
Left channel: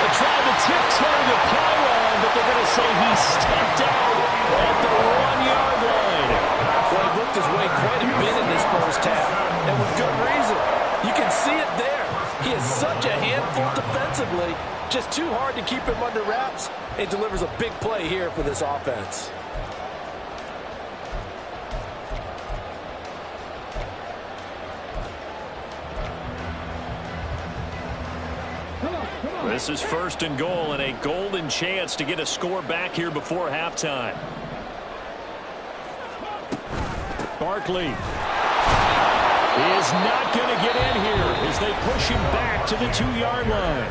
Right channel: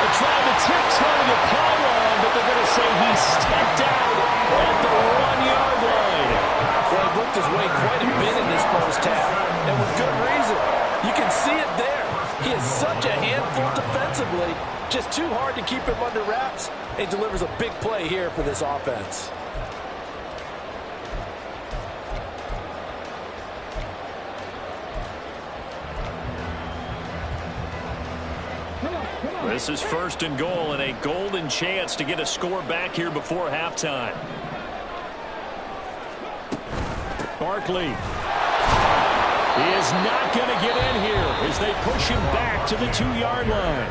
They tried to tiptoe the pylon, but they're going to say he stepped out at the 1-yard line. Well, he worked his way quite a bit in this first half, and with good reason. You can see it there. He is such a handful defensively. Just too hard to keep him under wraps. He delivers a big play here for this offense. This is 1st and goal, and a golden chance to get a score back here before halftime. Barkley is not going to get in here as they push him back to the 2-yard line.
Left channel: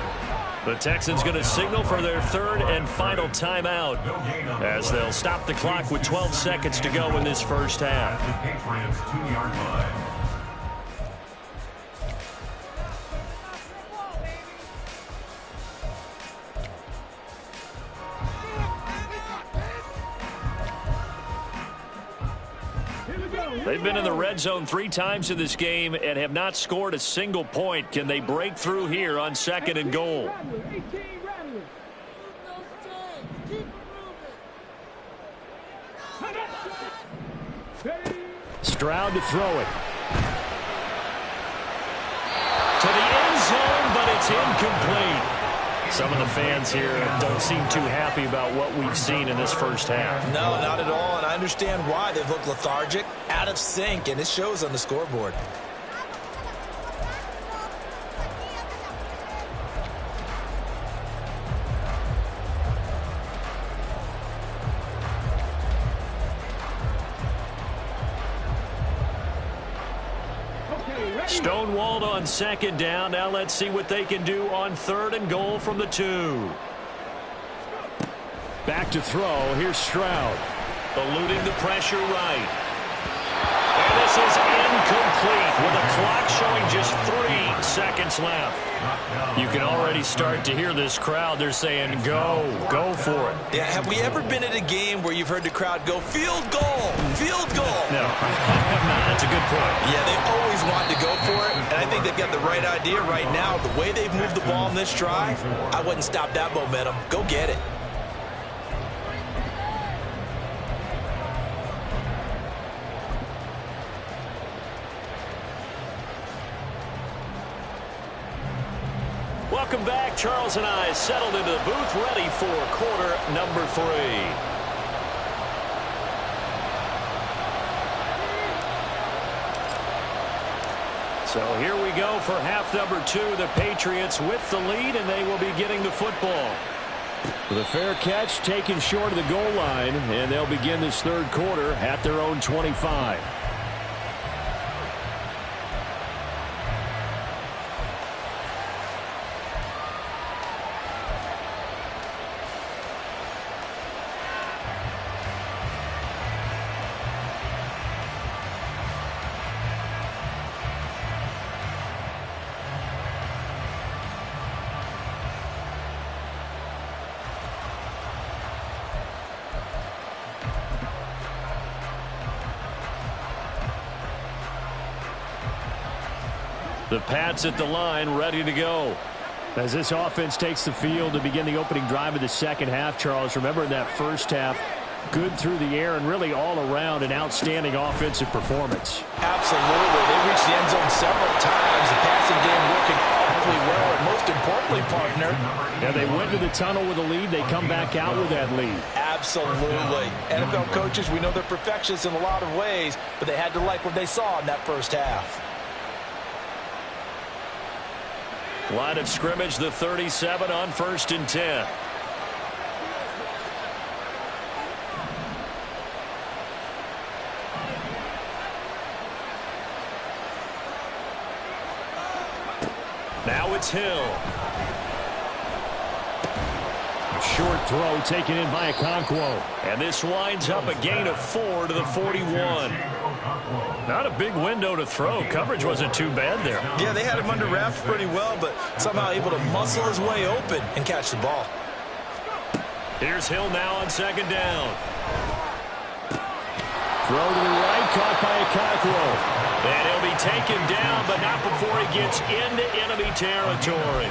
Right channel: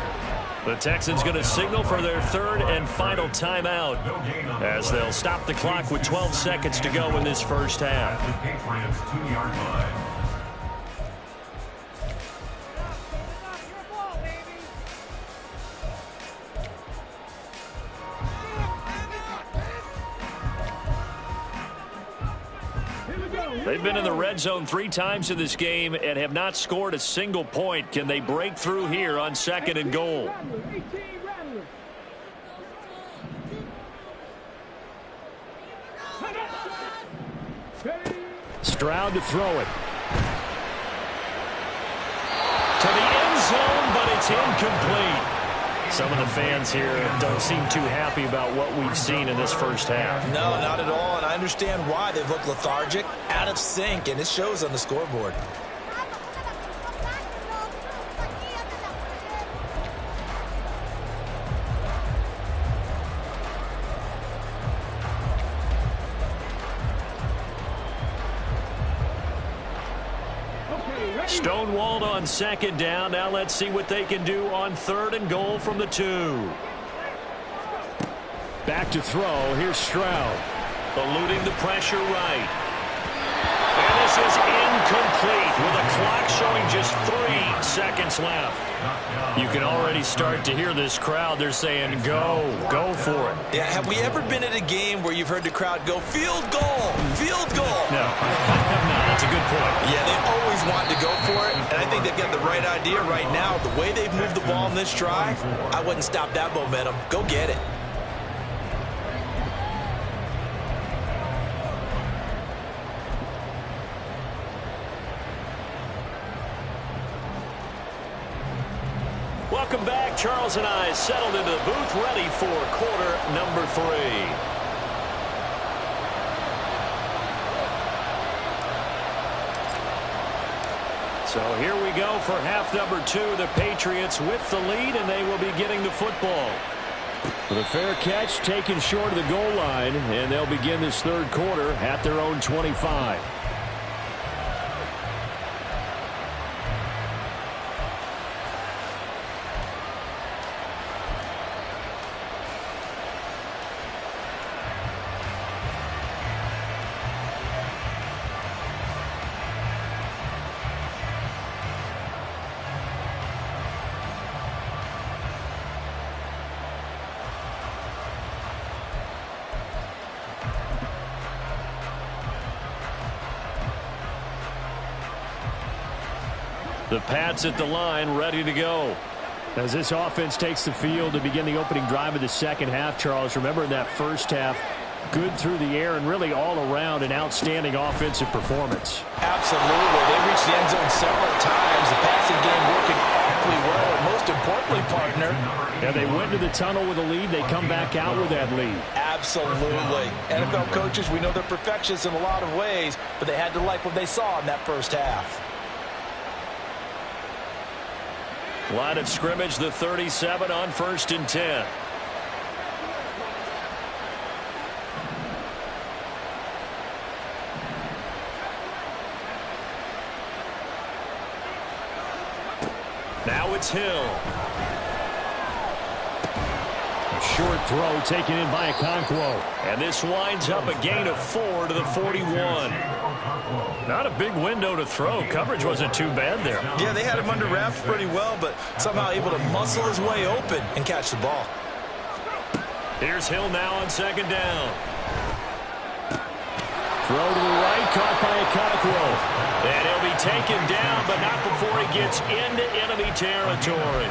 The Texans going to signal for their 3rd and final timeout as they'll stop the clock with 12 seconds to go in this first half. The Patriots 2-yard line. They've been in the red zone 3 times in this game and have not scored a single point. Can they break through here on 2nd and goal? Stroud to throw it. To the end zone, but it's incomplete. Some of the fans here don't seem too happy about what we've seen in this first half. No, not at all, and I understand why. They've looked lethargic, out of sync, and it shows on the scoreboard. Stonewalled on 2nd down. Now let's see what they can do on 3rd and goal from the 2. Back to throw. Here's Stroud. Eluding the pressure right. And this is incomplete with a clock showing just 3 seconds left. You can already start to hear this crowd. They're saying, go for it. Yeah, have we ever been at a game where you've heard the crowd go, field goal, field goal? No, I have not. That's a good point. Yeah, they always want to go for it, and I think they've got the right idea right now. The way they've moved the ball in this drive, I wouldn't stop that momentum. Go get it. Welcome back. Charles and I settled into the booth, ready for quarter number 3. So here we go for half number 2. The Patriots with the lead, and they will be getting the football. With a fair catch taken short of the goal line, and they'll begin this 3rd quarter at their own 25. The Pats at the line, ready to go. As this offense takes the field to begin the opening drive of the 2nd half, Charles, remember in that first half, good through the air and really all around an outstanding offensive performance. Absolutely. They reached the end zone several times. The passing game working awfully well, and most importantly, partner. Yeah, they went to the tunnel with a lead. They come back out with that lead. Absolutely. NFL coaches, we know they're perfectionists in a lot of ways, but they had to like what they saw in that first half. Line of scrimmage, the 37 on 1st and 10. Now it's Hill. A short throw taken in by Okonkwo. And this winds up a gain of 4 to the 41. Not a big window to throw. Coverage wasn't too bad there. Yeah, they had him under wraps pretty well, but somehow able to muscle his way open and catch the ball. Here's Hill now on 2nd down. Throw to the right, caught by Okonkwo. And he'll be taken down, but not before he gets into enemy territory.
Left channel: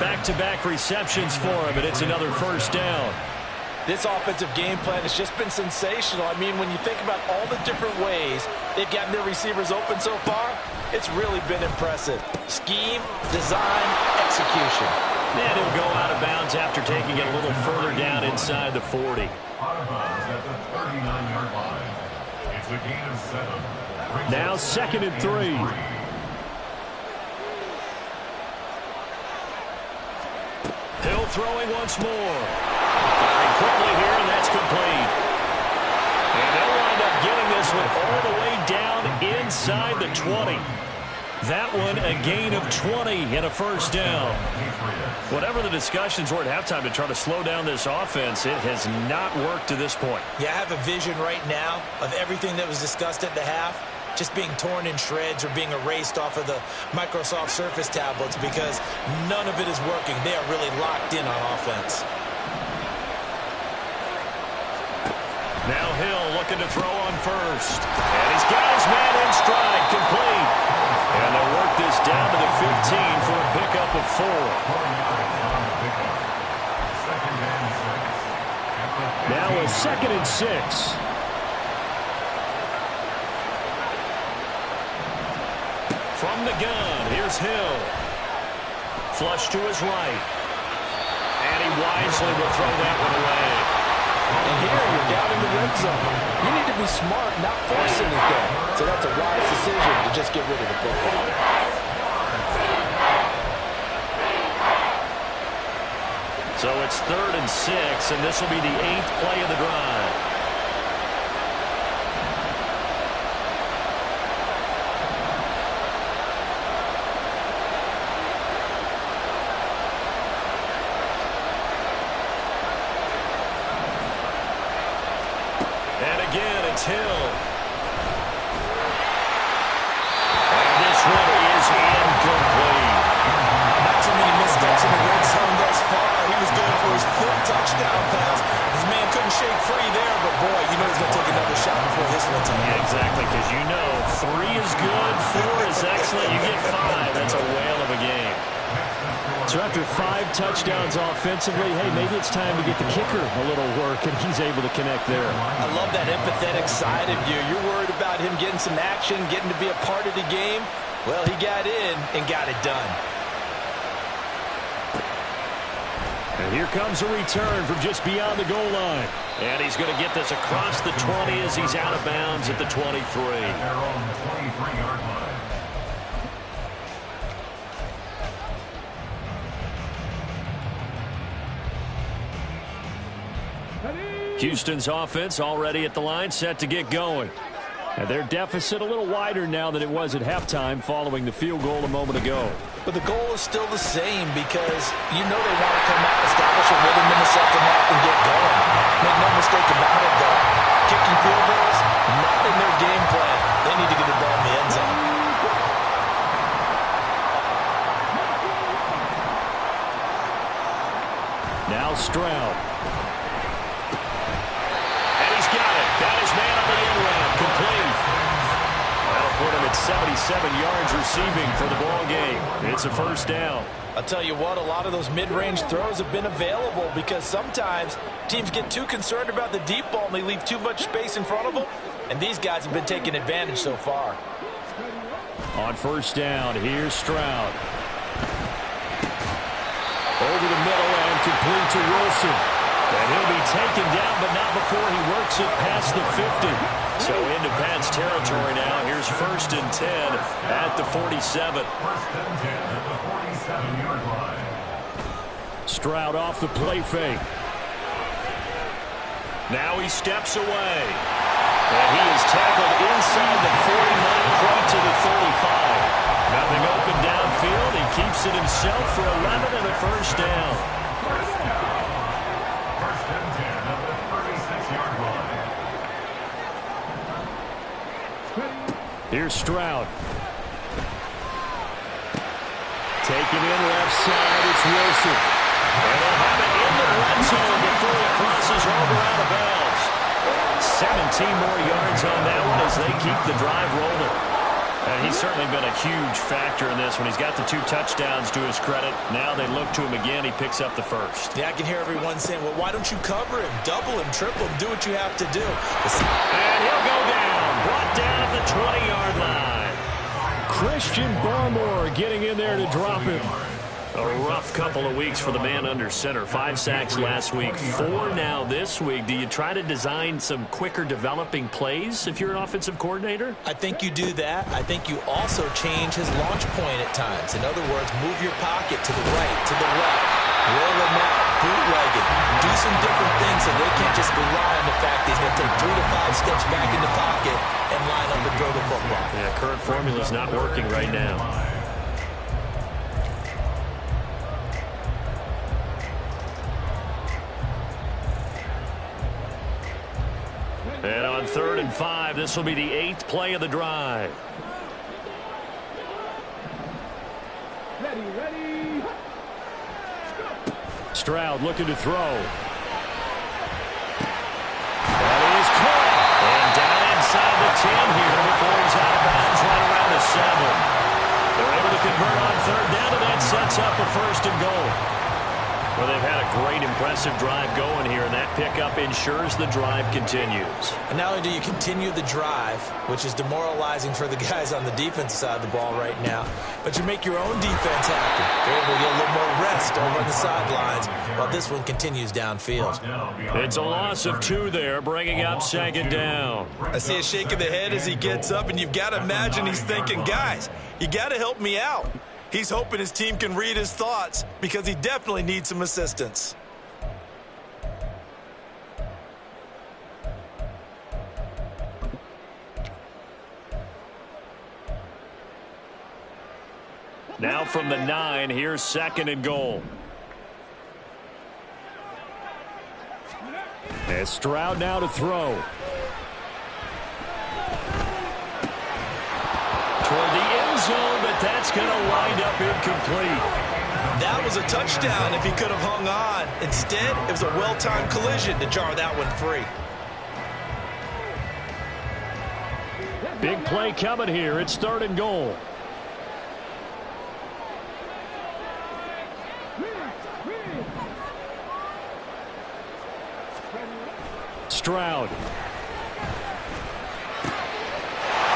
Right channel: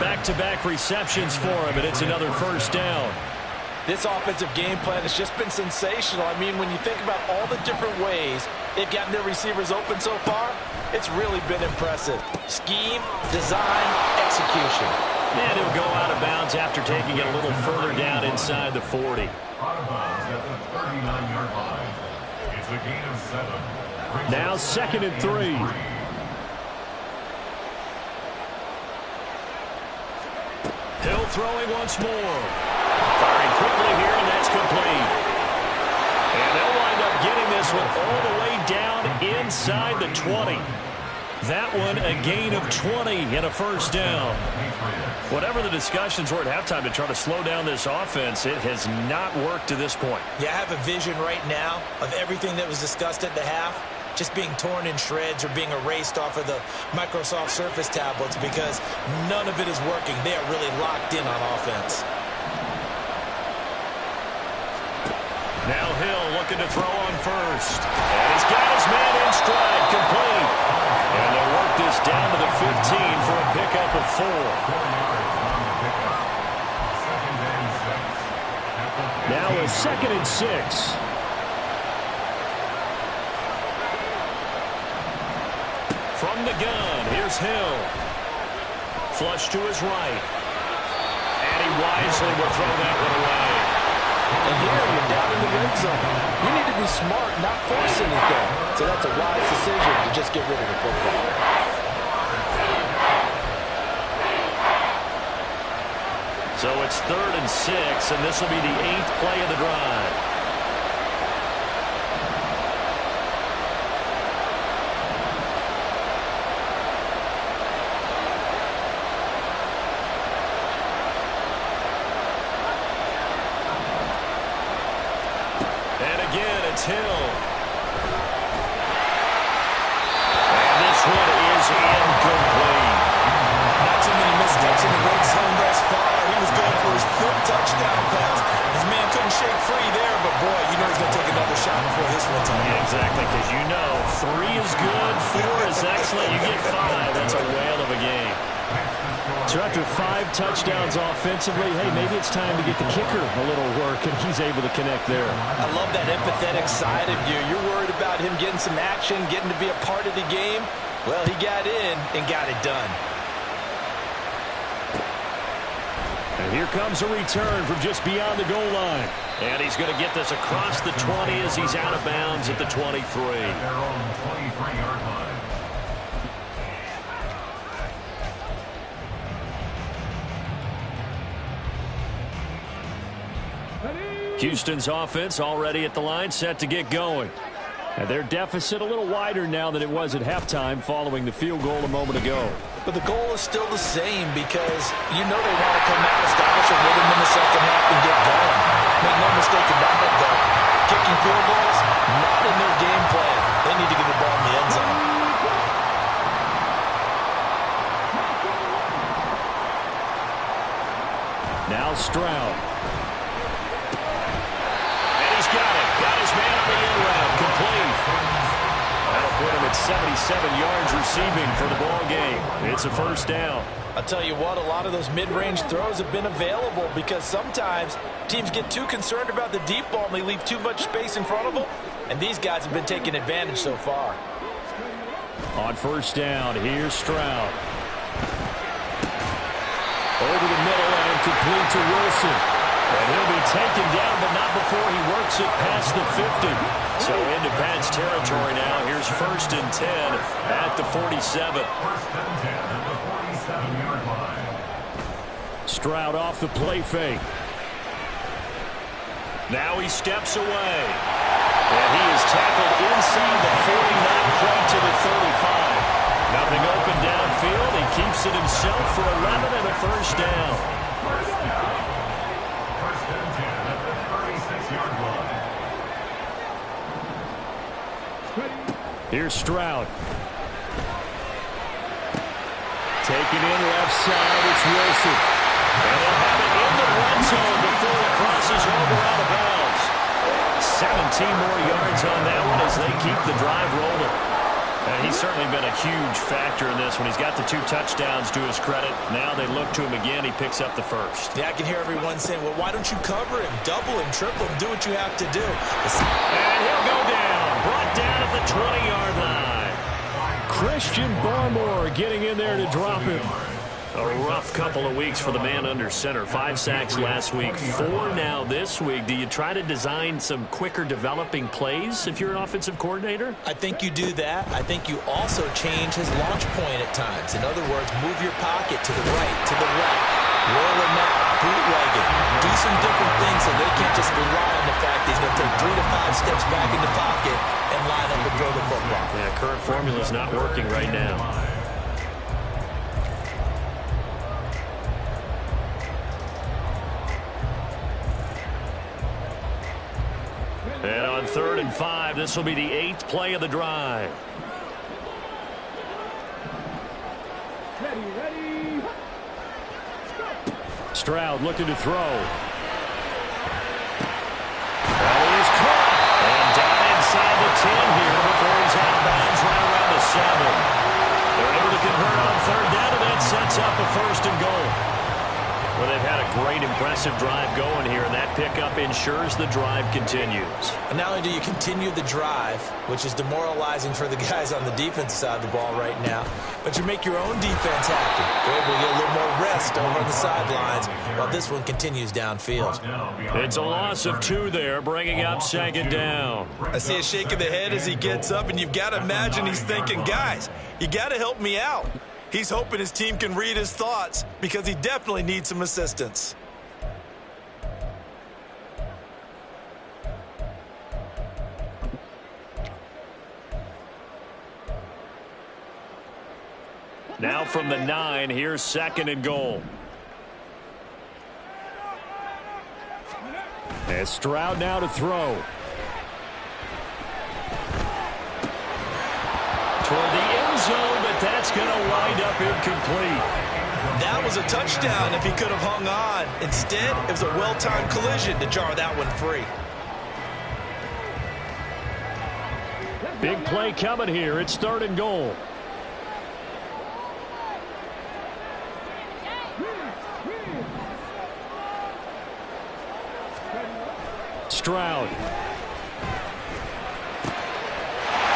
Back-to-back receptions for him, and it's another 1st down. This offensive game plan has just been sensational. I mean, when you think about all the different ways they've gotten their receivers open so far, it's really been impressive. Scheme, design, execution. And he'll go out of bounds after taking it a little further down inside the 40. Out of bounds at the 39-yard line. It's a gain of 7. Now 2nd and 3. Hill throwing once more. Firing quickly here, and that's complete. And they'll wind up getting this one all the way down inside the 20. That one a gain of 20 and a 1st down. Whatever the discussions were at halftime to try to slow down this offense, it has not worked to this point. Yeah, I have a vision right now of everything that was discussed at the half just being torn in shreds or being erased off of the Microsoft Surface tablets because none of it is working. They are really locked in on offense. Now Hill looking to throw on first. And he's got his man in stride, complete. And they'll work this down to the 15 for a pickup of 4. 4 yards on the pickup. Second and 6. Now a 2nd and 6. From the gun, here's Hill. Flush to his right. And he wisely will throw that one away. And here you're down in the red zone. You need to be smart, not force anything. So that's a wise decision to just get rid of the football. So it's 3rd and 6, and this will be the 8th play of the drive. And again, it's Hill. And this one is incomplete. Not too many missteps in the red zone thus far. He was going for his 5th touchdown pass. His man couldn't shake free there, but boy, you know he's going to take another shot before this one's on. Yeah, exactly, because you know 3 is good, 4 is excellent. You get 5. That's a whale of a game. So after 5 touchdowns offensively, hey, maybe it's time to get the kicker a little work, and he's able to connect there. I love that empathetic side of you. You're worried about him getting some action, getting to be a part of the game. Well, he got in and got it done. And here comes a return from just beyond the goal line. And he's going to get this across the 20 as he's out of bounds at the 23. At their own 23-yard line. Houston's offense already at the line, set to get going. And their deficit a little wider now than it was at halftime following the field goal a moment ago. But the goal is still the same because you know they want to come out, establish a rhythm in the second half, and get going. Make no mistake about it, though. Kicking field goals, not in their game plan. They need to get the ball in the end zone. Now Stroud. And he's got it. Got his man on the end round. Complete. That'll put him at 77 yards receiving for the ball game. It's a first down. I'll tell you what, a lot of those mid-range throws have been available because sometimes teams get too concerned about the deep ball and they leave too much space in front of them. And these guys have been taking advantage so far. On first down, here's Stroud. Over the middle and complete to Wilson. And he'll be taken down, but not before he works it past the 50. So into Pat's territory now. Here's 1st and 10 at the 47. 1st and 10 at the 47-yard line. Stroud off the play fake. Now he steps away. And he is tackled inside the 40, not quite to the 35. Nothing open downfield. He keeps it himself for 11 and a first down. First down. 1st and 10 at the 36-yard line. Here's Stroud. Taken in left side, it's Wilson. And they'll have it in the red zone before he crosses over out of bounds. 17 more yards on that one as they keep the drive rolling. And he's certainly been a huge factor in this when he's got the 2 touchdowns to his credit. Now they look to him again. He picks up the first. Yeah, I can hear everyone saying, well, why don't you cover him? Double him, triple him, do what you have to do. And he'll go down. Brought down at the 20-yard line. Christian Barmore getting in there to drop him. A rough couple of weeks for the man under center. 5 sacks last week, 4 now this week. Do you try to design some quicker developing plays if you're an offensive coordinator? I think you do that. I think you also change his launch point at times. In other words, move your pocket to the right, to the left. Roll him out, bootlegging. Do some different things so they can't just rely on the fact he's going to take 3 to 5 steps back in the pocket and line up and throw the football. Yeah, current formula's not working right now. And on 3rd and 5, this will be the 8th play of the drive. Ready. Stroud looking to throw. That is third down, and that sets up a first and goal. Well, they've had a great, impressive drive going here, and that pickup ensures the drive continues. And not only do you continue the drive, which is demoralizing for the guys on the defensive side of the ball right now, but you make your own defense happy. You're able to get a little more rest over on the sidelines while this one continues downfield. It's a loss of 2 there, bringing up second down. I see a shake of the head as he gets up, and you've got to imagine he's thinking, guys, you got to help me out. He's hoping his team can read his thoughts because he definitely needs some assistance. Now from the 9, here's second and goal. And Stroud now to throw. Toward the end zone, but that's going to wind up incomplete. That was a touchdown if he could have hung on. Instead, it was a well-timed collision to jar that one free. Big play coming here. It's third and goal. Stroud.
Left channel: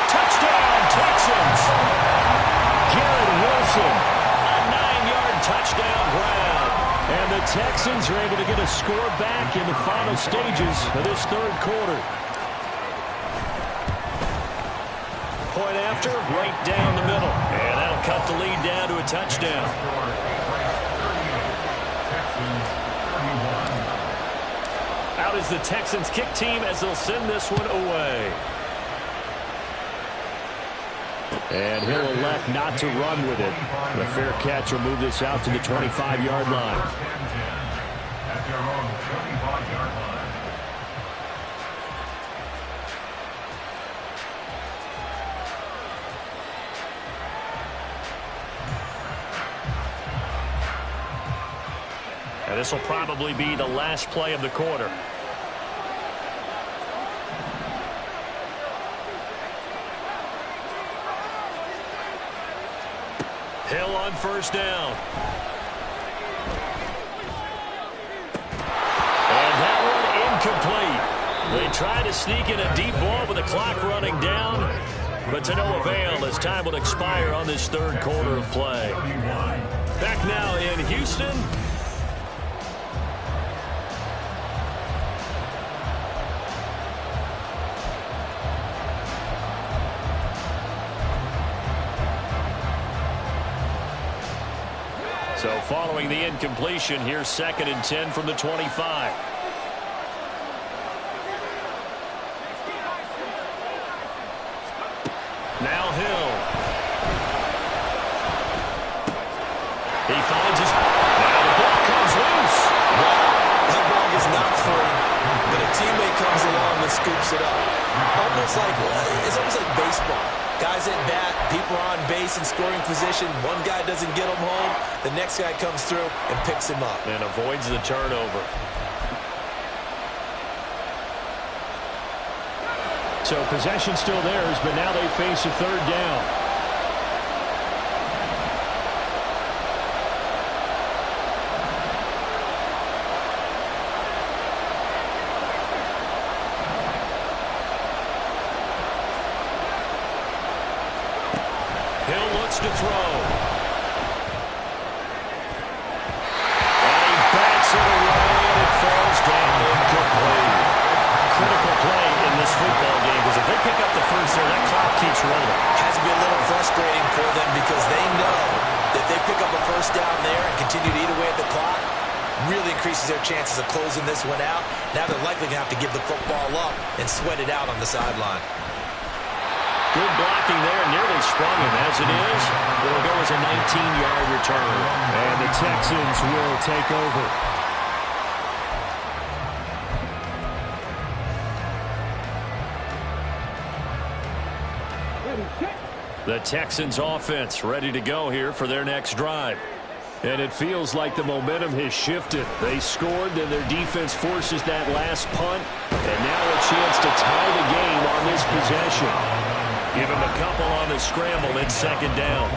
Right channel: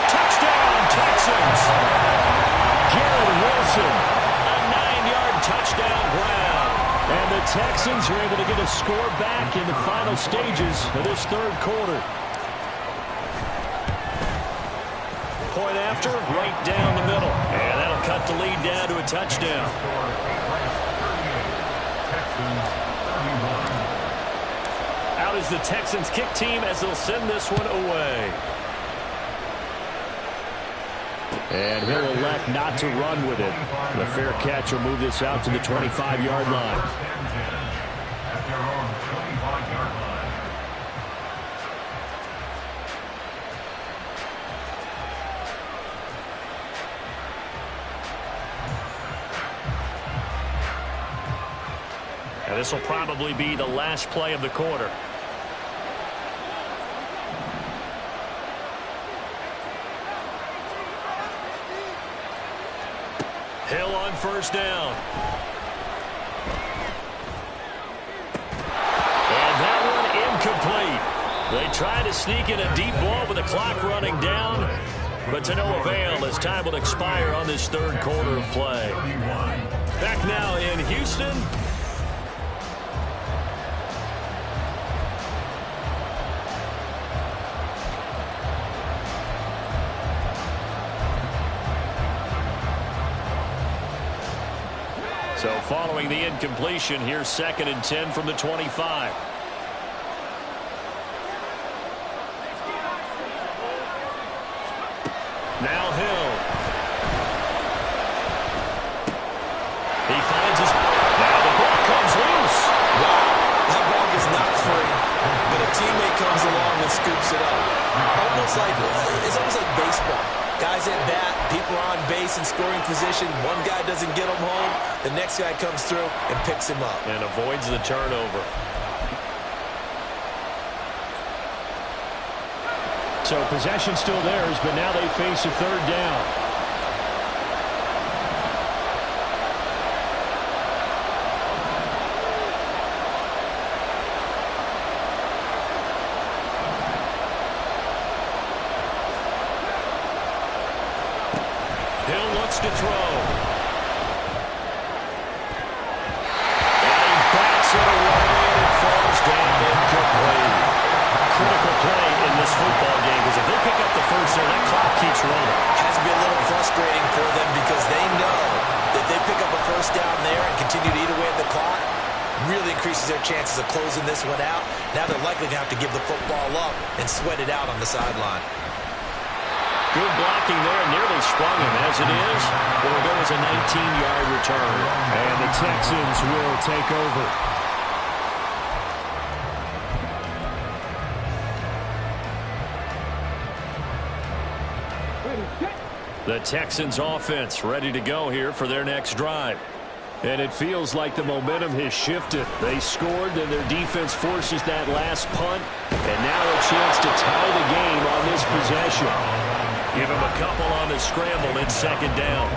Touchdown, Texans. Garrett Wilson. A 9-yard touchdown grab. And the Texans are able to get a score back in the final stages of this third quarter. Point after, right down the middle. And that'll cut the lead down to a touchdown. Out is the Texans kick team as they'll send this one away. And he'll elect not to run with it. The fair catch will move this out to the 25-yard line. At their own 25-yard line. And this will probably be the last play of the quarter. Hill on first down. And that one incomplete. They try to sneak in a deep ball with the clock running down, but to no avail as time will expire on this third quarter of play. Back now in Houston. So following the incompletion, here's second and 10 from the 25. Now Hill. He finds his... Now the ball comes loose. Wow, that ball gets knocked free, but a teammate comes along and scoops it up. It's almost like baseball. Guys at bat, people are on base in scoring position. One guy doesn't get him home. The next guy comes through and picks him up. And avoids the turnover. So possession still theirs, but now they face a third down. Hill looks to throw. And he bats it away, and it falls down incomplete. Critical play in this football game, because if they pick up the first there, that clock keeps rolling. Has to be a little frustrating for them because they know that they pick up a first down there and continue to eat away at the clock, really increases their chances of closing this one out. Now they're likely going to have to give the football up and sweat it out on the sideline. Good blocking there, nearly sprung him. As it is, it will go as a 19-yard return. And the Texans will take over. The Texans offense ready to go here for their next drive. And it feels like the momentum has shifted. They scored, then their defense forces that last punt. And now a chance to tie the game on this possession. Give him a couple on the scramble. It's second down.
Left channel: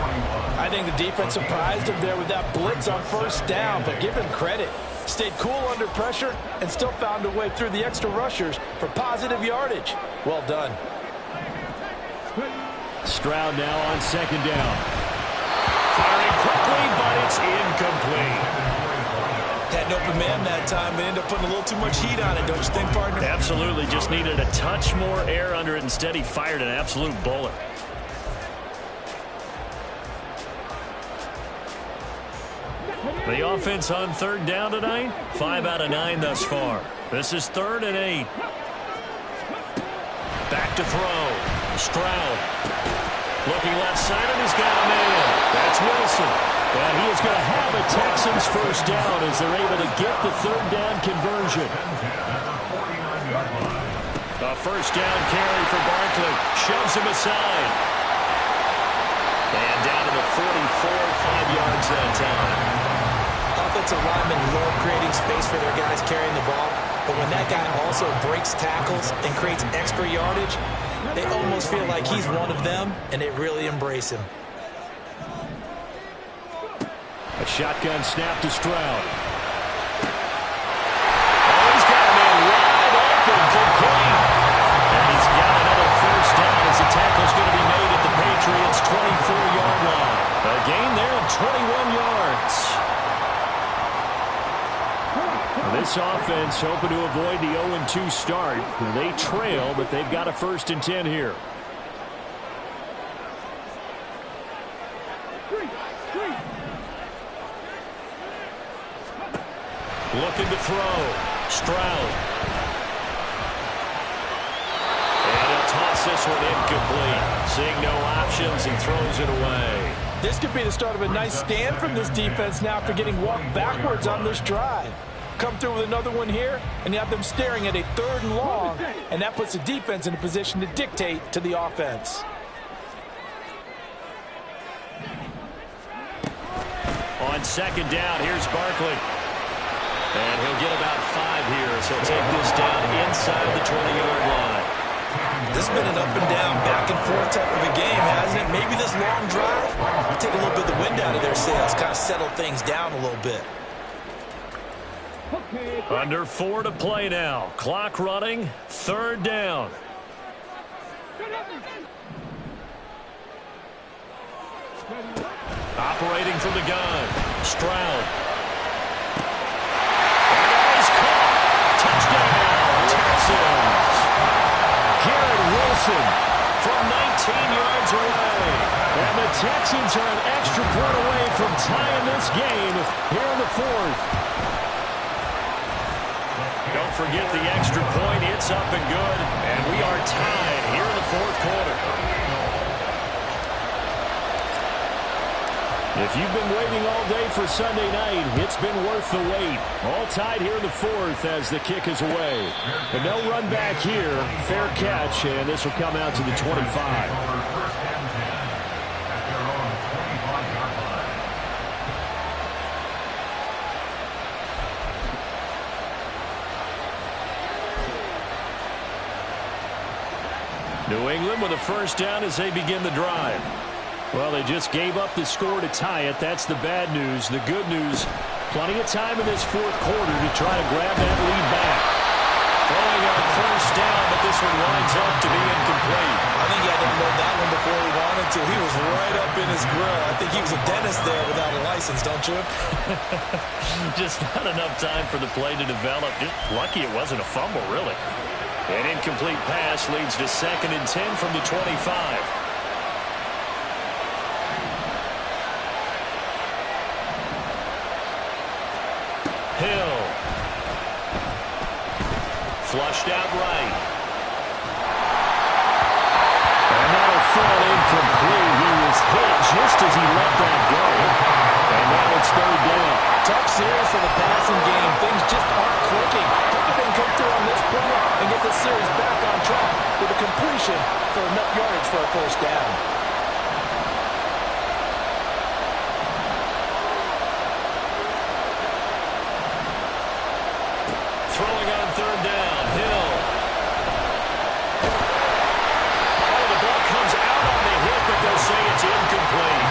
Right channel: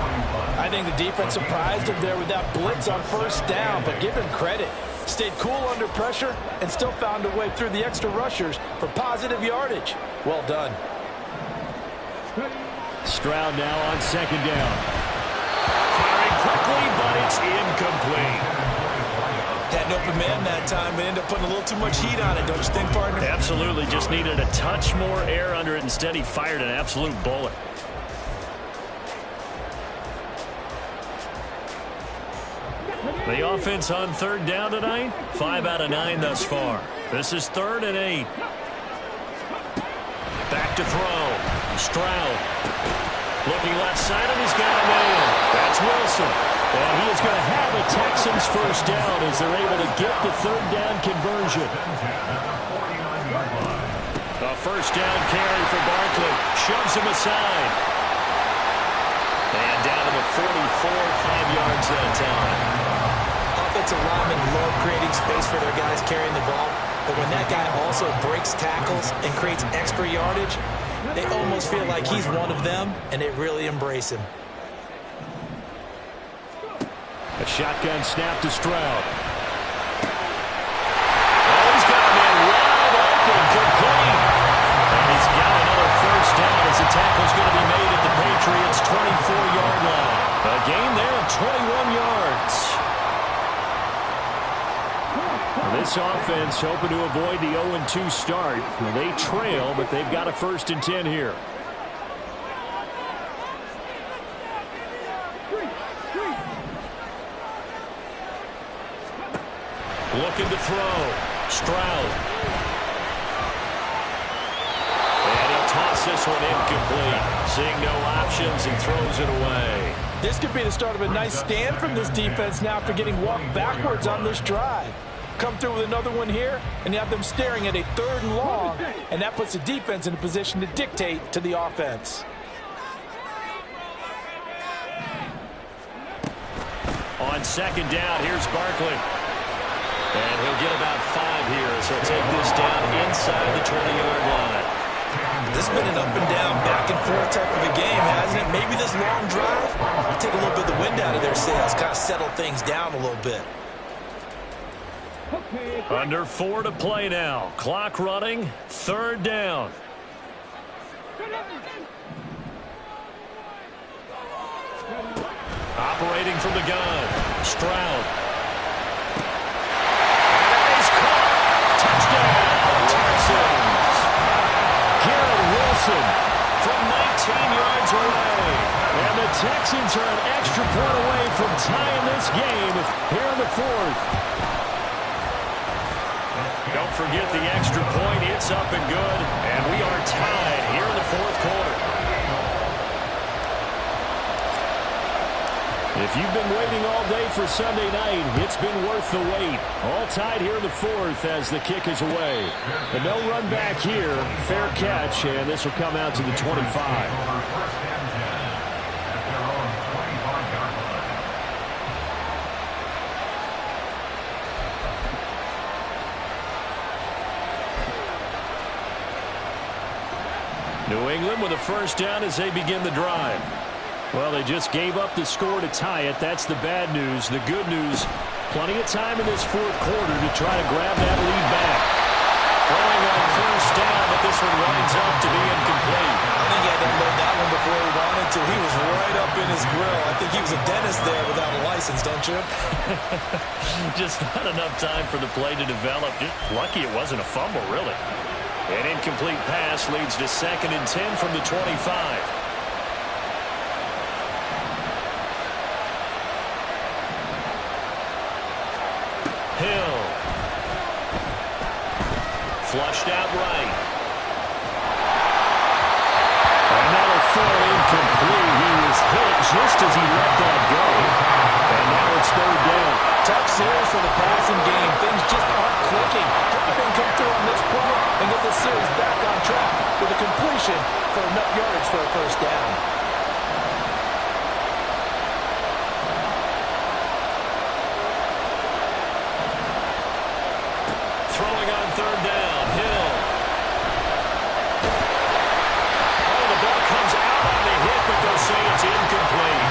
I think the defense surprised him there with that blitz on first down, but give him credit. Stayed cool under pressure and still found a way through the extra rushers for positive yardage. Well done. Stroud now on second down. Firing quickly, but it's incomplete. Had an open man that time, but ended up putting a little too much heat on it, don't you think, partner? Absolutely, just needed a touch more air under it. Instead, he fired an absolute bullet. The offense on third down tonight, 5 out of 9 thus far. This is 3rd and 8. Back to throw. Stroud. Looking left side, and he's got a man. That's Wilson. And he is going to have a Texans first down as they're able to get the third down conversion. A first down carry for Barkley. Shoves him aside. And down to the 44, 5 yards that time. Offensive linemen love creating space for their guys carrying the ball, but when that guy also breaks tackles and creates extra yardage, they almost feel like he's one of them, and they really embrace him. A shotgun snap to Stroud. Oh, he's got a man wide open, complete. And he's got another first down as the tackle's going to be made at the Patriots' 24-yard line. A gain there of 21 yards. This offense hoping to avoid the 0-2 start. They trail, but they've got a 1st and 10 here. Looking to throw. Stroud. And he'll toss this one incomplete. Seeing no options, he throws it away. This could be the start of a nice stand from this defense now after getting walked backwards on this drive. Come through with another one here, and you have them staring at a 3rd and long, and that puts the defense in a position to dictate to the offense. On second down, here's Barkley. And he'll get about 5 here, so he'll take this down inside the 20-yard line. This has been an up and down, back and forth type of a game, hasn't it? Maybe this long drive will take a little bit of the wind out of their sails, kind of settle things down a little bit. Under 4 to play now. Clock running. 3rd down. Operating from the gun. Stroud. And that is caught. Touchdown, Texans. Garrett Wilson from 19 yards away. And the Texans are an extra point away from tying this game here in the 4th. Don't forget the extra point. It's up and good. And we are tied here in the 4th quarter. If you've been waiting all day for Sunday night, it's been worth the wait. All tied here in the 4th as the kick is away. But no run back here. Fair catch, and this will come out to the 25. New England with a first down as they begin the drive. Well, they just gave up the score to tie it. That's the bad news. The good news, plenty of time in this 4th quarter to try to grab that lead back. Throwing on first down, but this one winds up to be incomplete. I think he had to unload that one before he wanted to. He was right up in his grill. I think he was a dentist there without a license, don't you? Just not enough time for the play to develop. Just lucky it wasn't a fumble, really. An incomplete pass leads to 2nd and 10 from the 25. Hill. Flushed out right. And that'll fall incomplete. He was hit just as he let that go. And now it's 3rd down. Tough series for the passing game. Things just aren't clicking. Hope they can come through on this play and get the series back on track with a completion for enough yardage for a first down. third down. Hill. Oh, the ball comes out on the hit, but they'll say it's incomplete.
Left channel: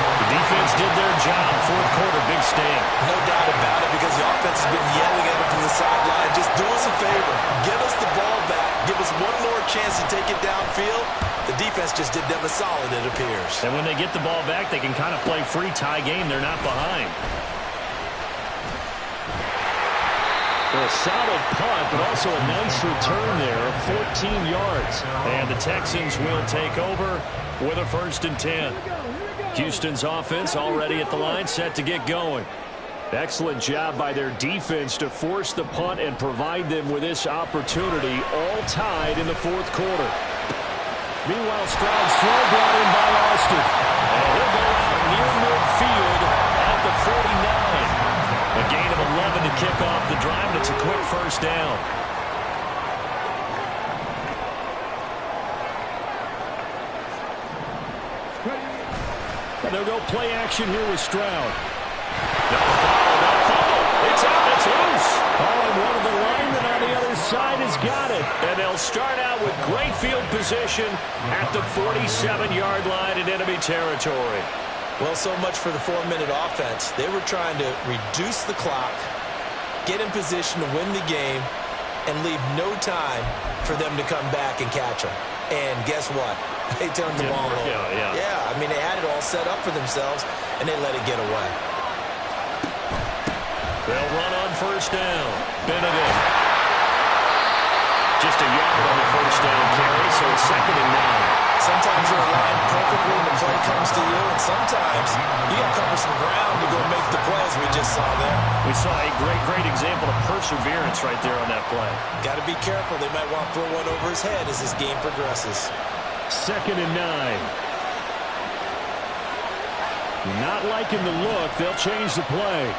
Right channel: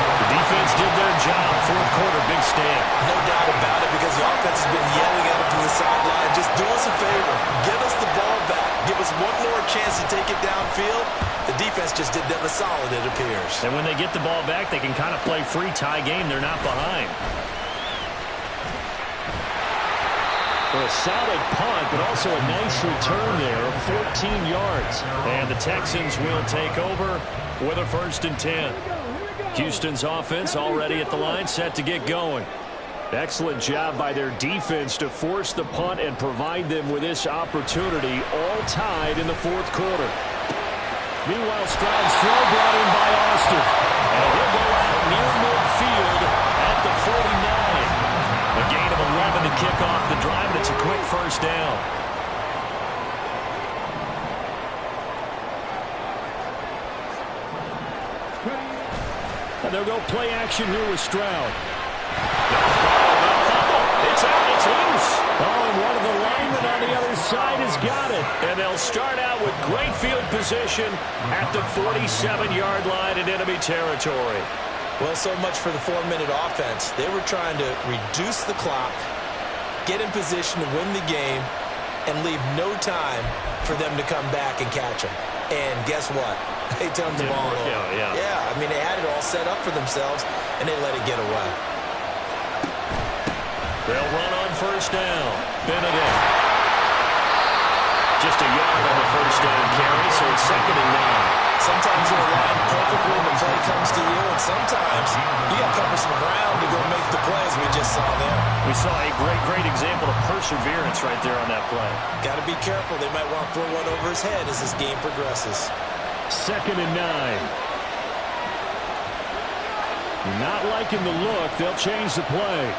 The defense did their job. Fourth quarter, big stand. No doubt about it, because the offense has been yelling at them from the sideline. Just do us a favor. Get us the ball back. Give us one more chance to take it downfield. The defense just did them a solid, it appears. And when they get the ball back, they can kind of play free tie game. They're not behind. Well, a solid punt, but also a nice return there of 14 yards. And the Texans will take over with a 1st and 10. Houston's offense already at the line, set to get going. Excellent job by their defense to force the punt and provide them with this opportunity, all tied in the fourth quarter. Meanwhile, Stroud's throw brought in by Austin. And he'll go out near midfield at the 49. A gain of 11 to kick off the drive, and it's a quick 1st down. And they'll go play action here with Stroud. No follow, no fumble. It's out, it's loose. Oh, and one of the linemen on the other side has got it. And they'll start out with great field position at the 47-yard line in enemy territory. Well, so much for the 4-minute offense. They were trying to reduce the clock, get in position to win the game, and leave no time for them to come back and catch them. And guess what? They turned the ball over. Yeah, I mean, they had it all set up for themselves, and they let it get away. They'll run on 1st down. Benedict. Just a yard on the 1st down carry, so it's 2nd and 9. Sometimes you're aligned perfectly and the play comes to you, and sometimes you got to cover some ground to go make the plays we just saw there. We saw a great example of perseverance right there on that play. Got to be careful. They might want to throw one over his head as this game progresses. 2nd and 9. Not liking the look. They'll change the play.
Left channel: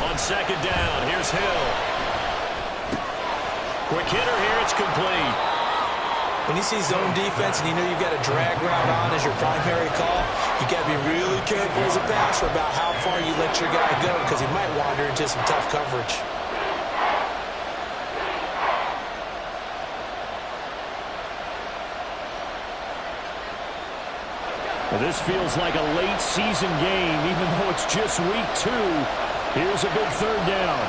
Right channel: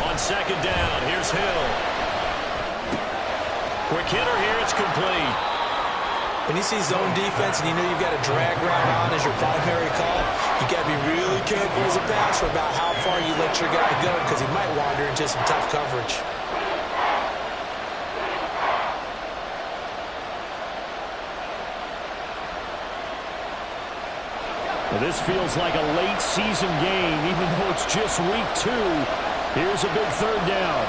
On 2nd down, here's Hill. Quick hitter here, it's complete. When you see zone defense and you know you've got a drag route on as your primary call, you got to be really careful as a passer about how far you let your guy go, because he might wander into some tough coverage. Well, this feels like a late season game, even though it's just week 2. Here's a big 3rd down.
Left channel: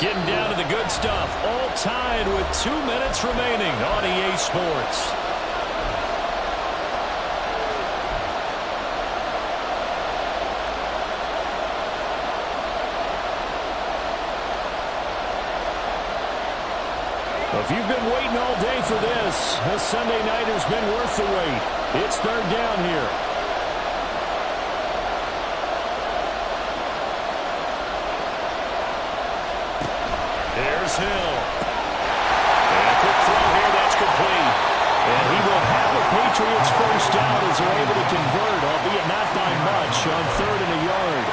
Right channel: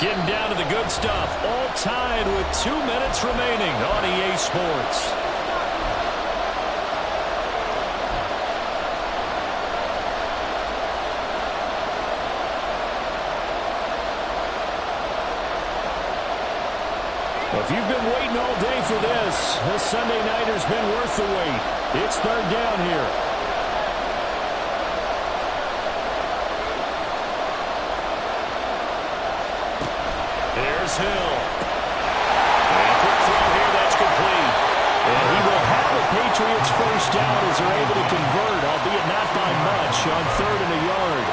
Getting down to the good stuff. All tied with 2 minutes remaining on EA Sports. Well, if you've been waiting all day for this Sunday nighter's been worth the wait. It's 3rd down here. Here's Hill. And a quick throw here, that's complete. And he will have the Patriots 1st down as they're able to convert, albeit not by much, on 3rd and a yard.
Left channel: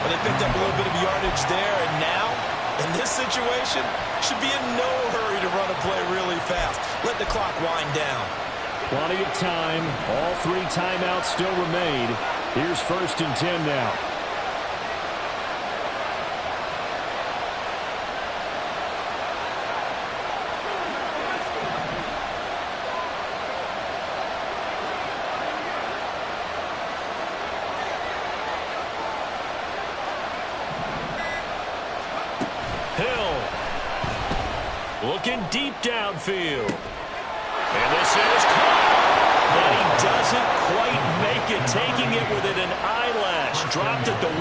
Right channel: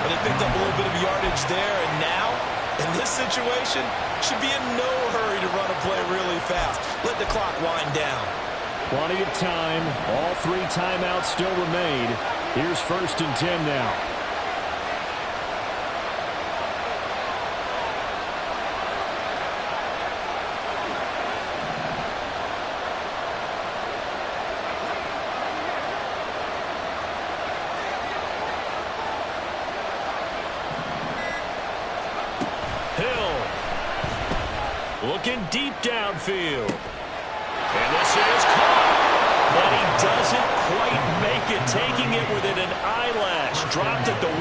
But they picked up a little bit of yardage there, and now, in this situation, should be in no hurry to run a play really fast. Let the clock wind down. Plenty of time. All 3 timeouts still remain. Here's 1st and 10 now. Looking deep downfield. And this is caught. And he doesn't quite make it. Taking it within an eyelash. Dropped at the 1.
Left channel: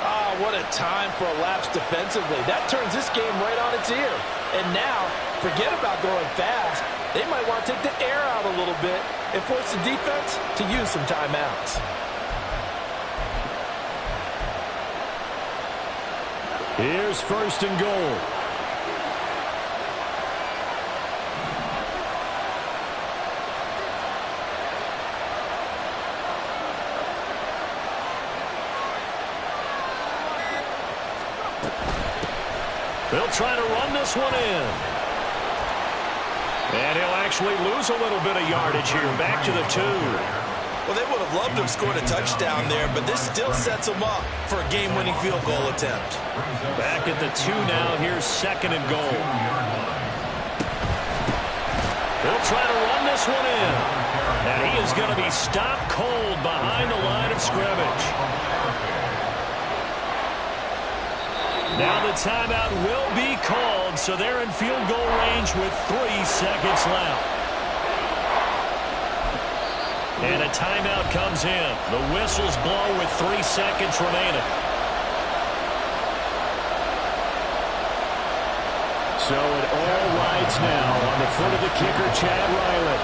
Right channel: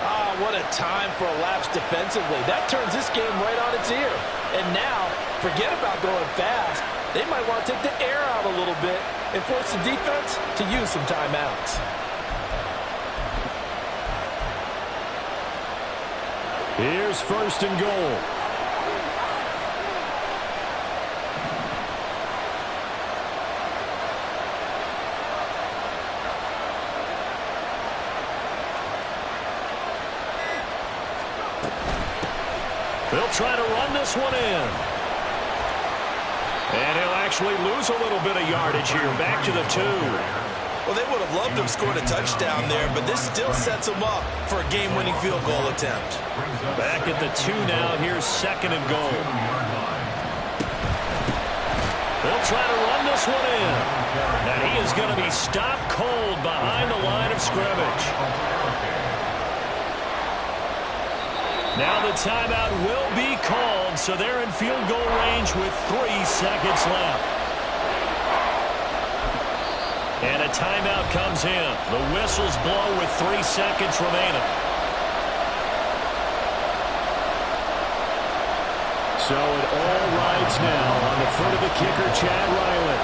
Ah, what a time for a lapse defensively. That turns this game right on its ear. And now, forget about going fast. They might want to take the air out a little bit and force the defense to use some timeouts. Here's 1st and goal. They'll try to run this one in. And he'll actually lose a little bit of yardage here. Back to the 2. Well, they would have loved to have scored a touchdown there, but this still sets them up for a game-winning field goal attempt. Back at the 2 now. Here's 2nd and goal. They'll try to run this one in. And he is going to be stopped cold behind the line of scrimmage. Now the timeout will be called, so they're in field goal range with 3 seconds left. And a timeout comes in. The whistles blow with 3 seconds remaining. So it all rides now on the foot of the kicker, Chad Ryland.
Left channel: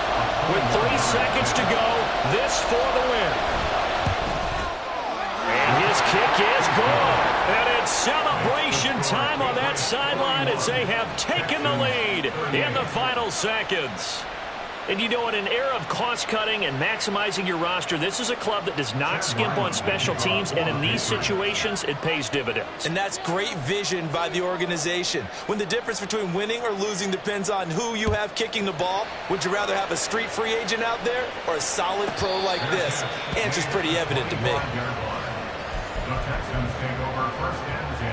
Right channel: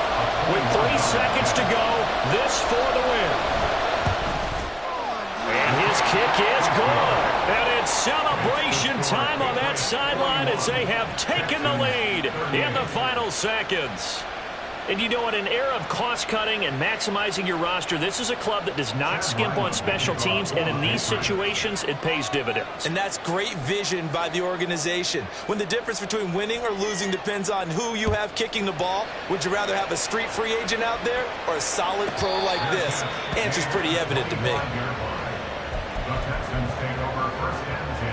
With 3 seconds to go, this for the win. And his kick is good. And it's celebration time on that sideline as they have taken the lead in the final seconds. And you know, in an era of cost-cutting and maximizing your roster, this is a club that does not skimp on special teams, and in these situations, it pays dividends. And that's great vision by the organization. When the difference between winning or losing depends on who you have kicking the ball, would you rather have a street free agent out there or a solid pro like this? Answer's pretty evident to me. The Texans take over 1st and 10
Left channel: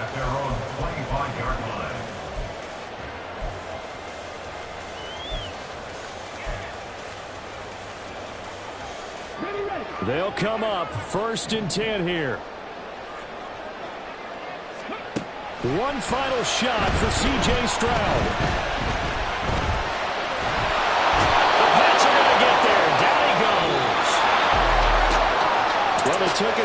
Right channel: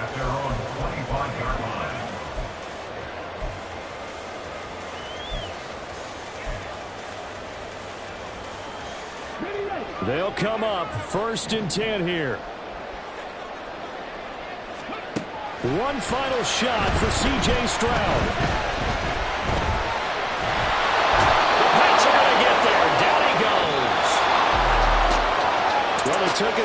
at their own 25-yard line. They'll come up 1st and 10 here. One final shot for C.J. Stroud. The Pats are going to get there. Down he goes. Well, it took us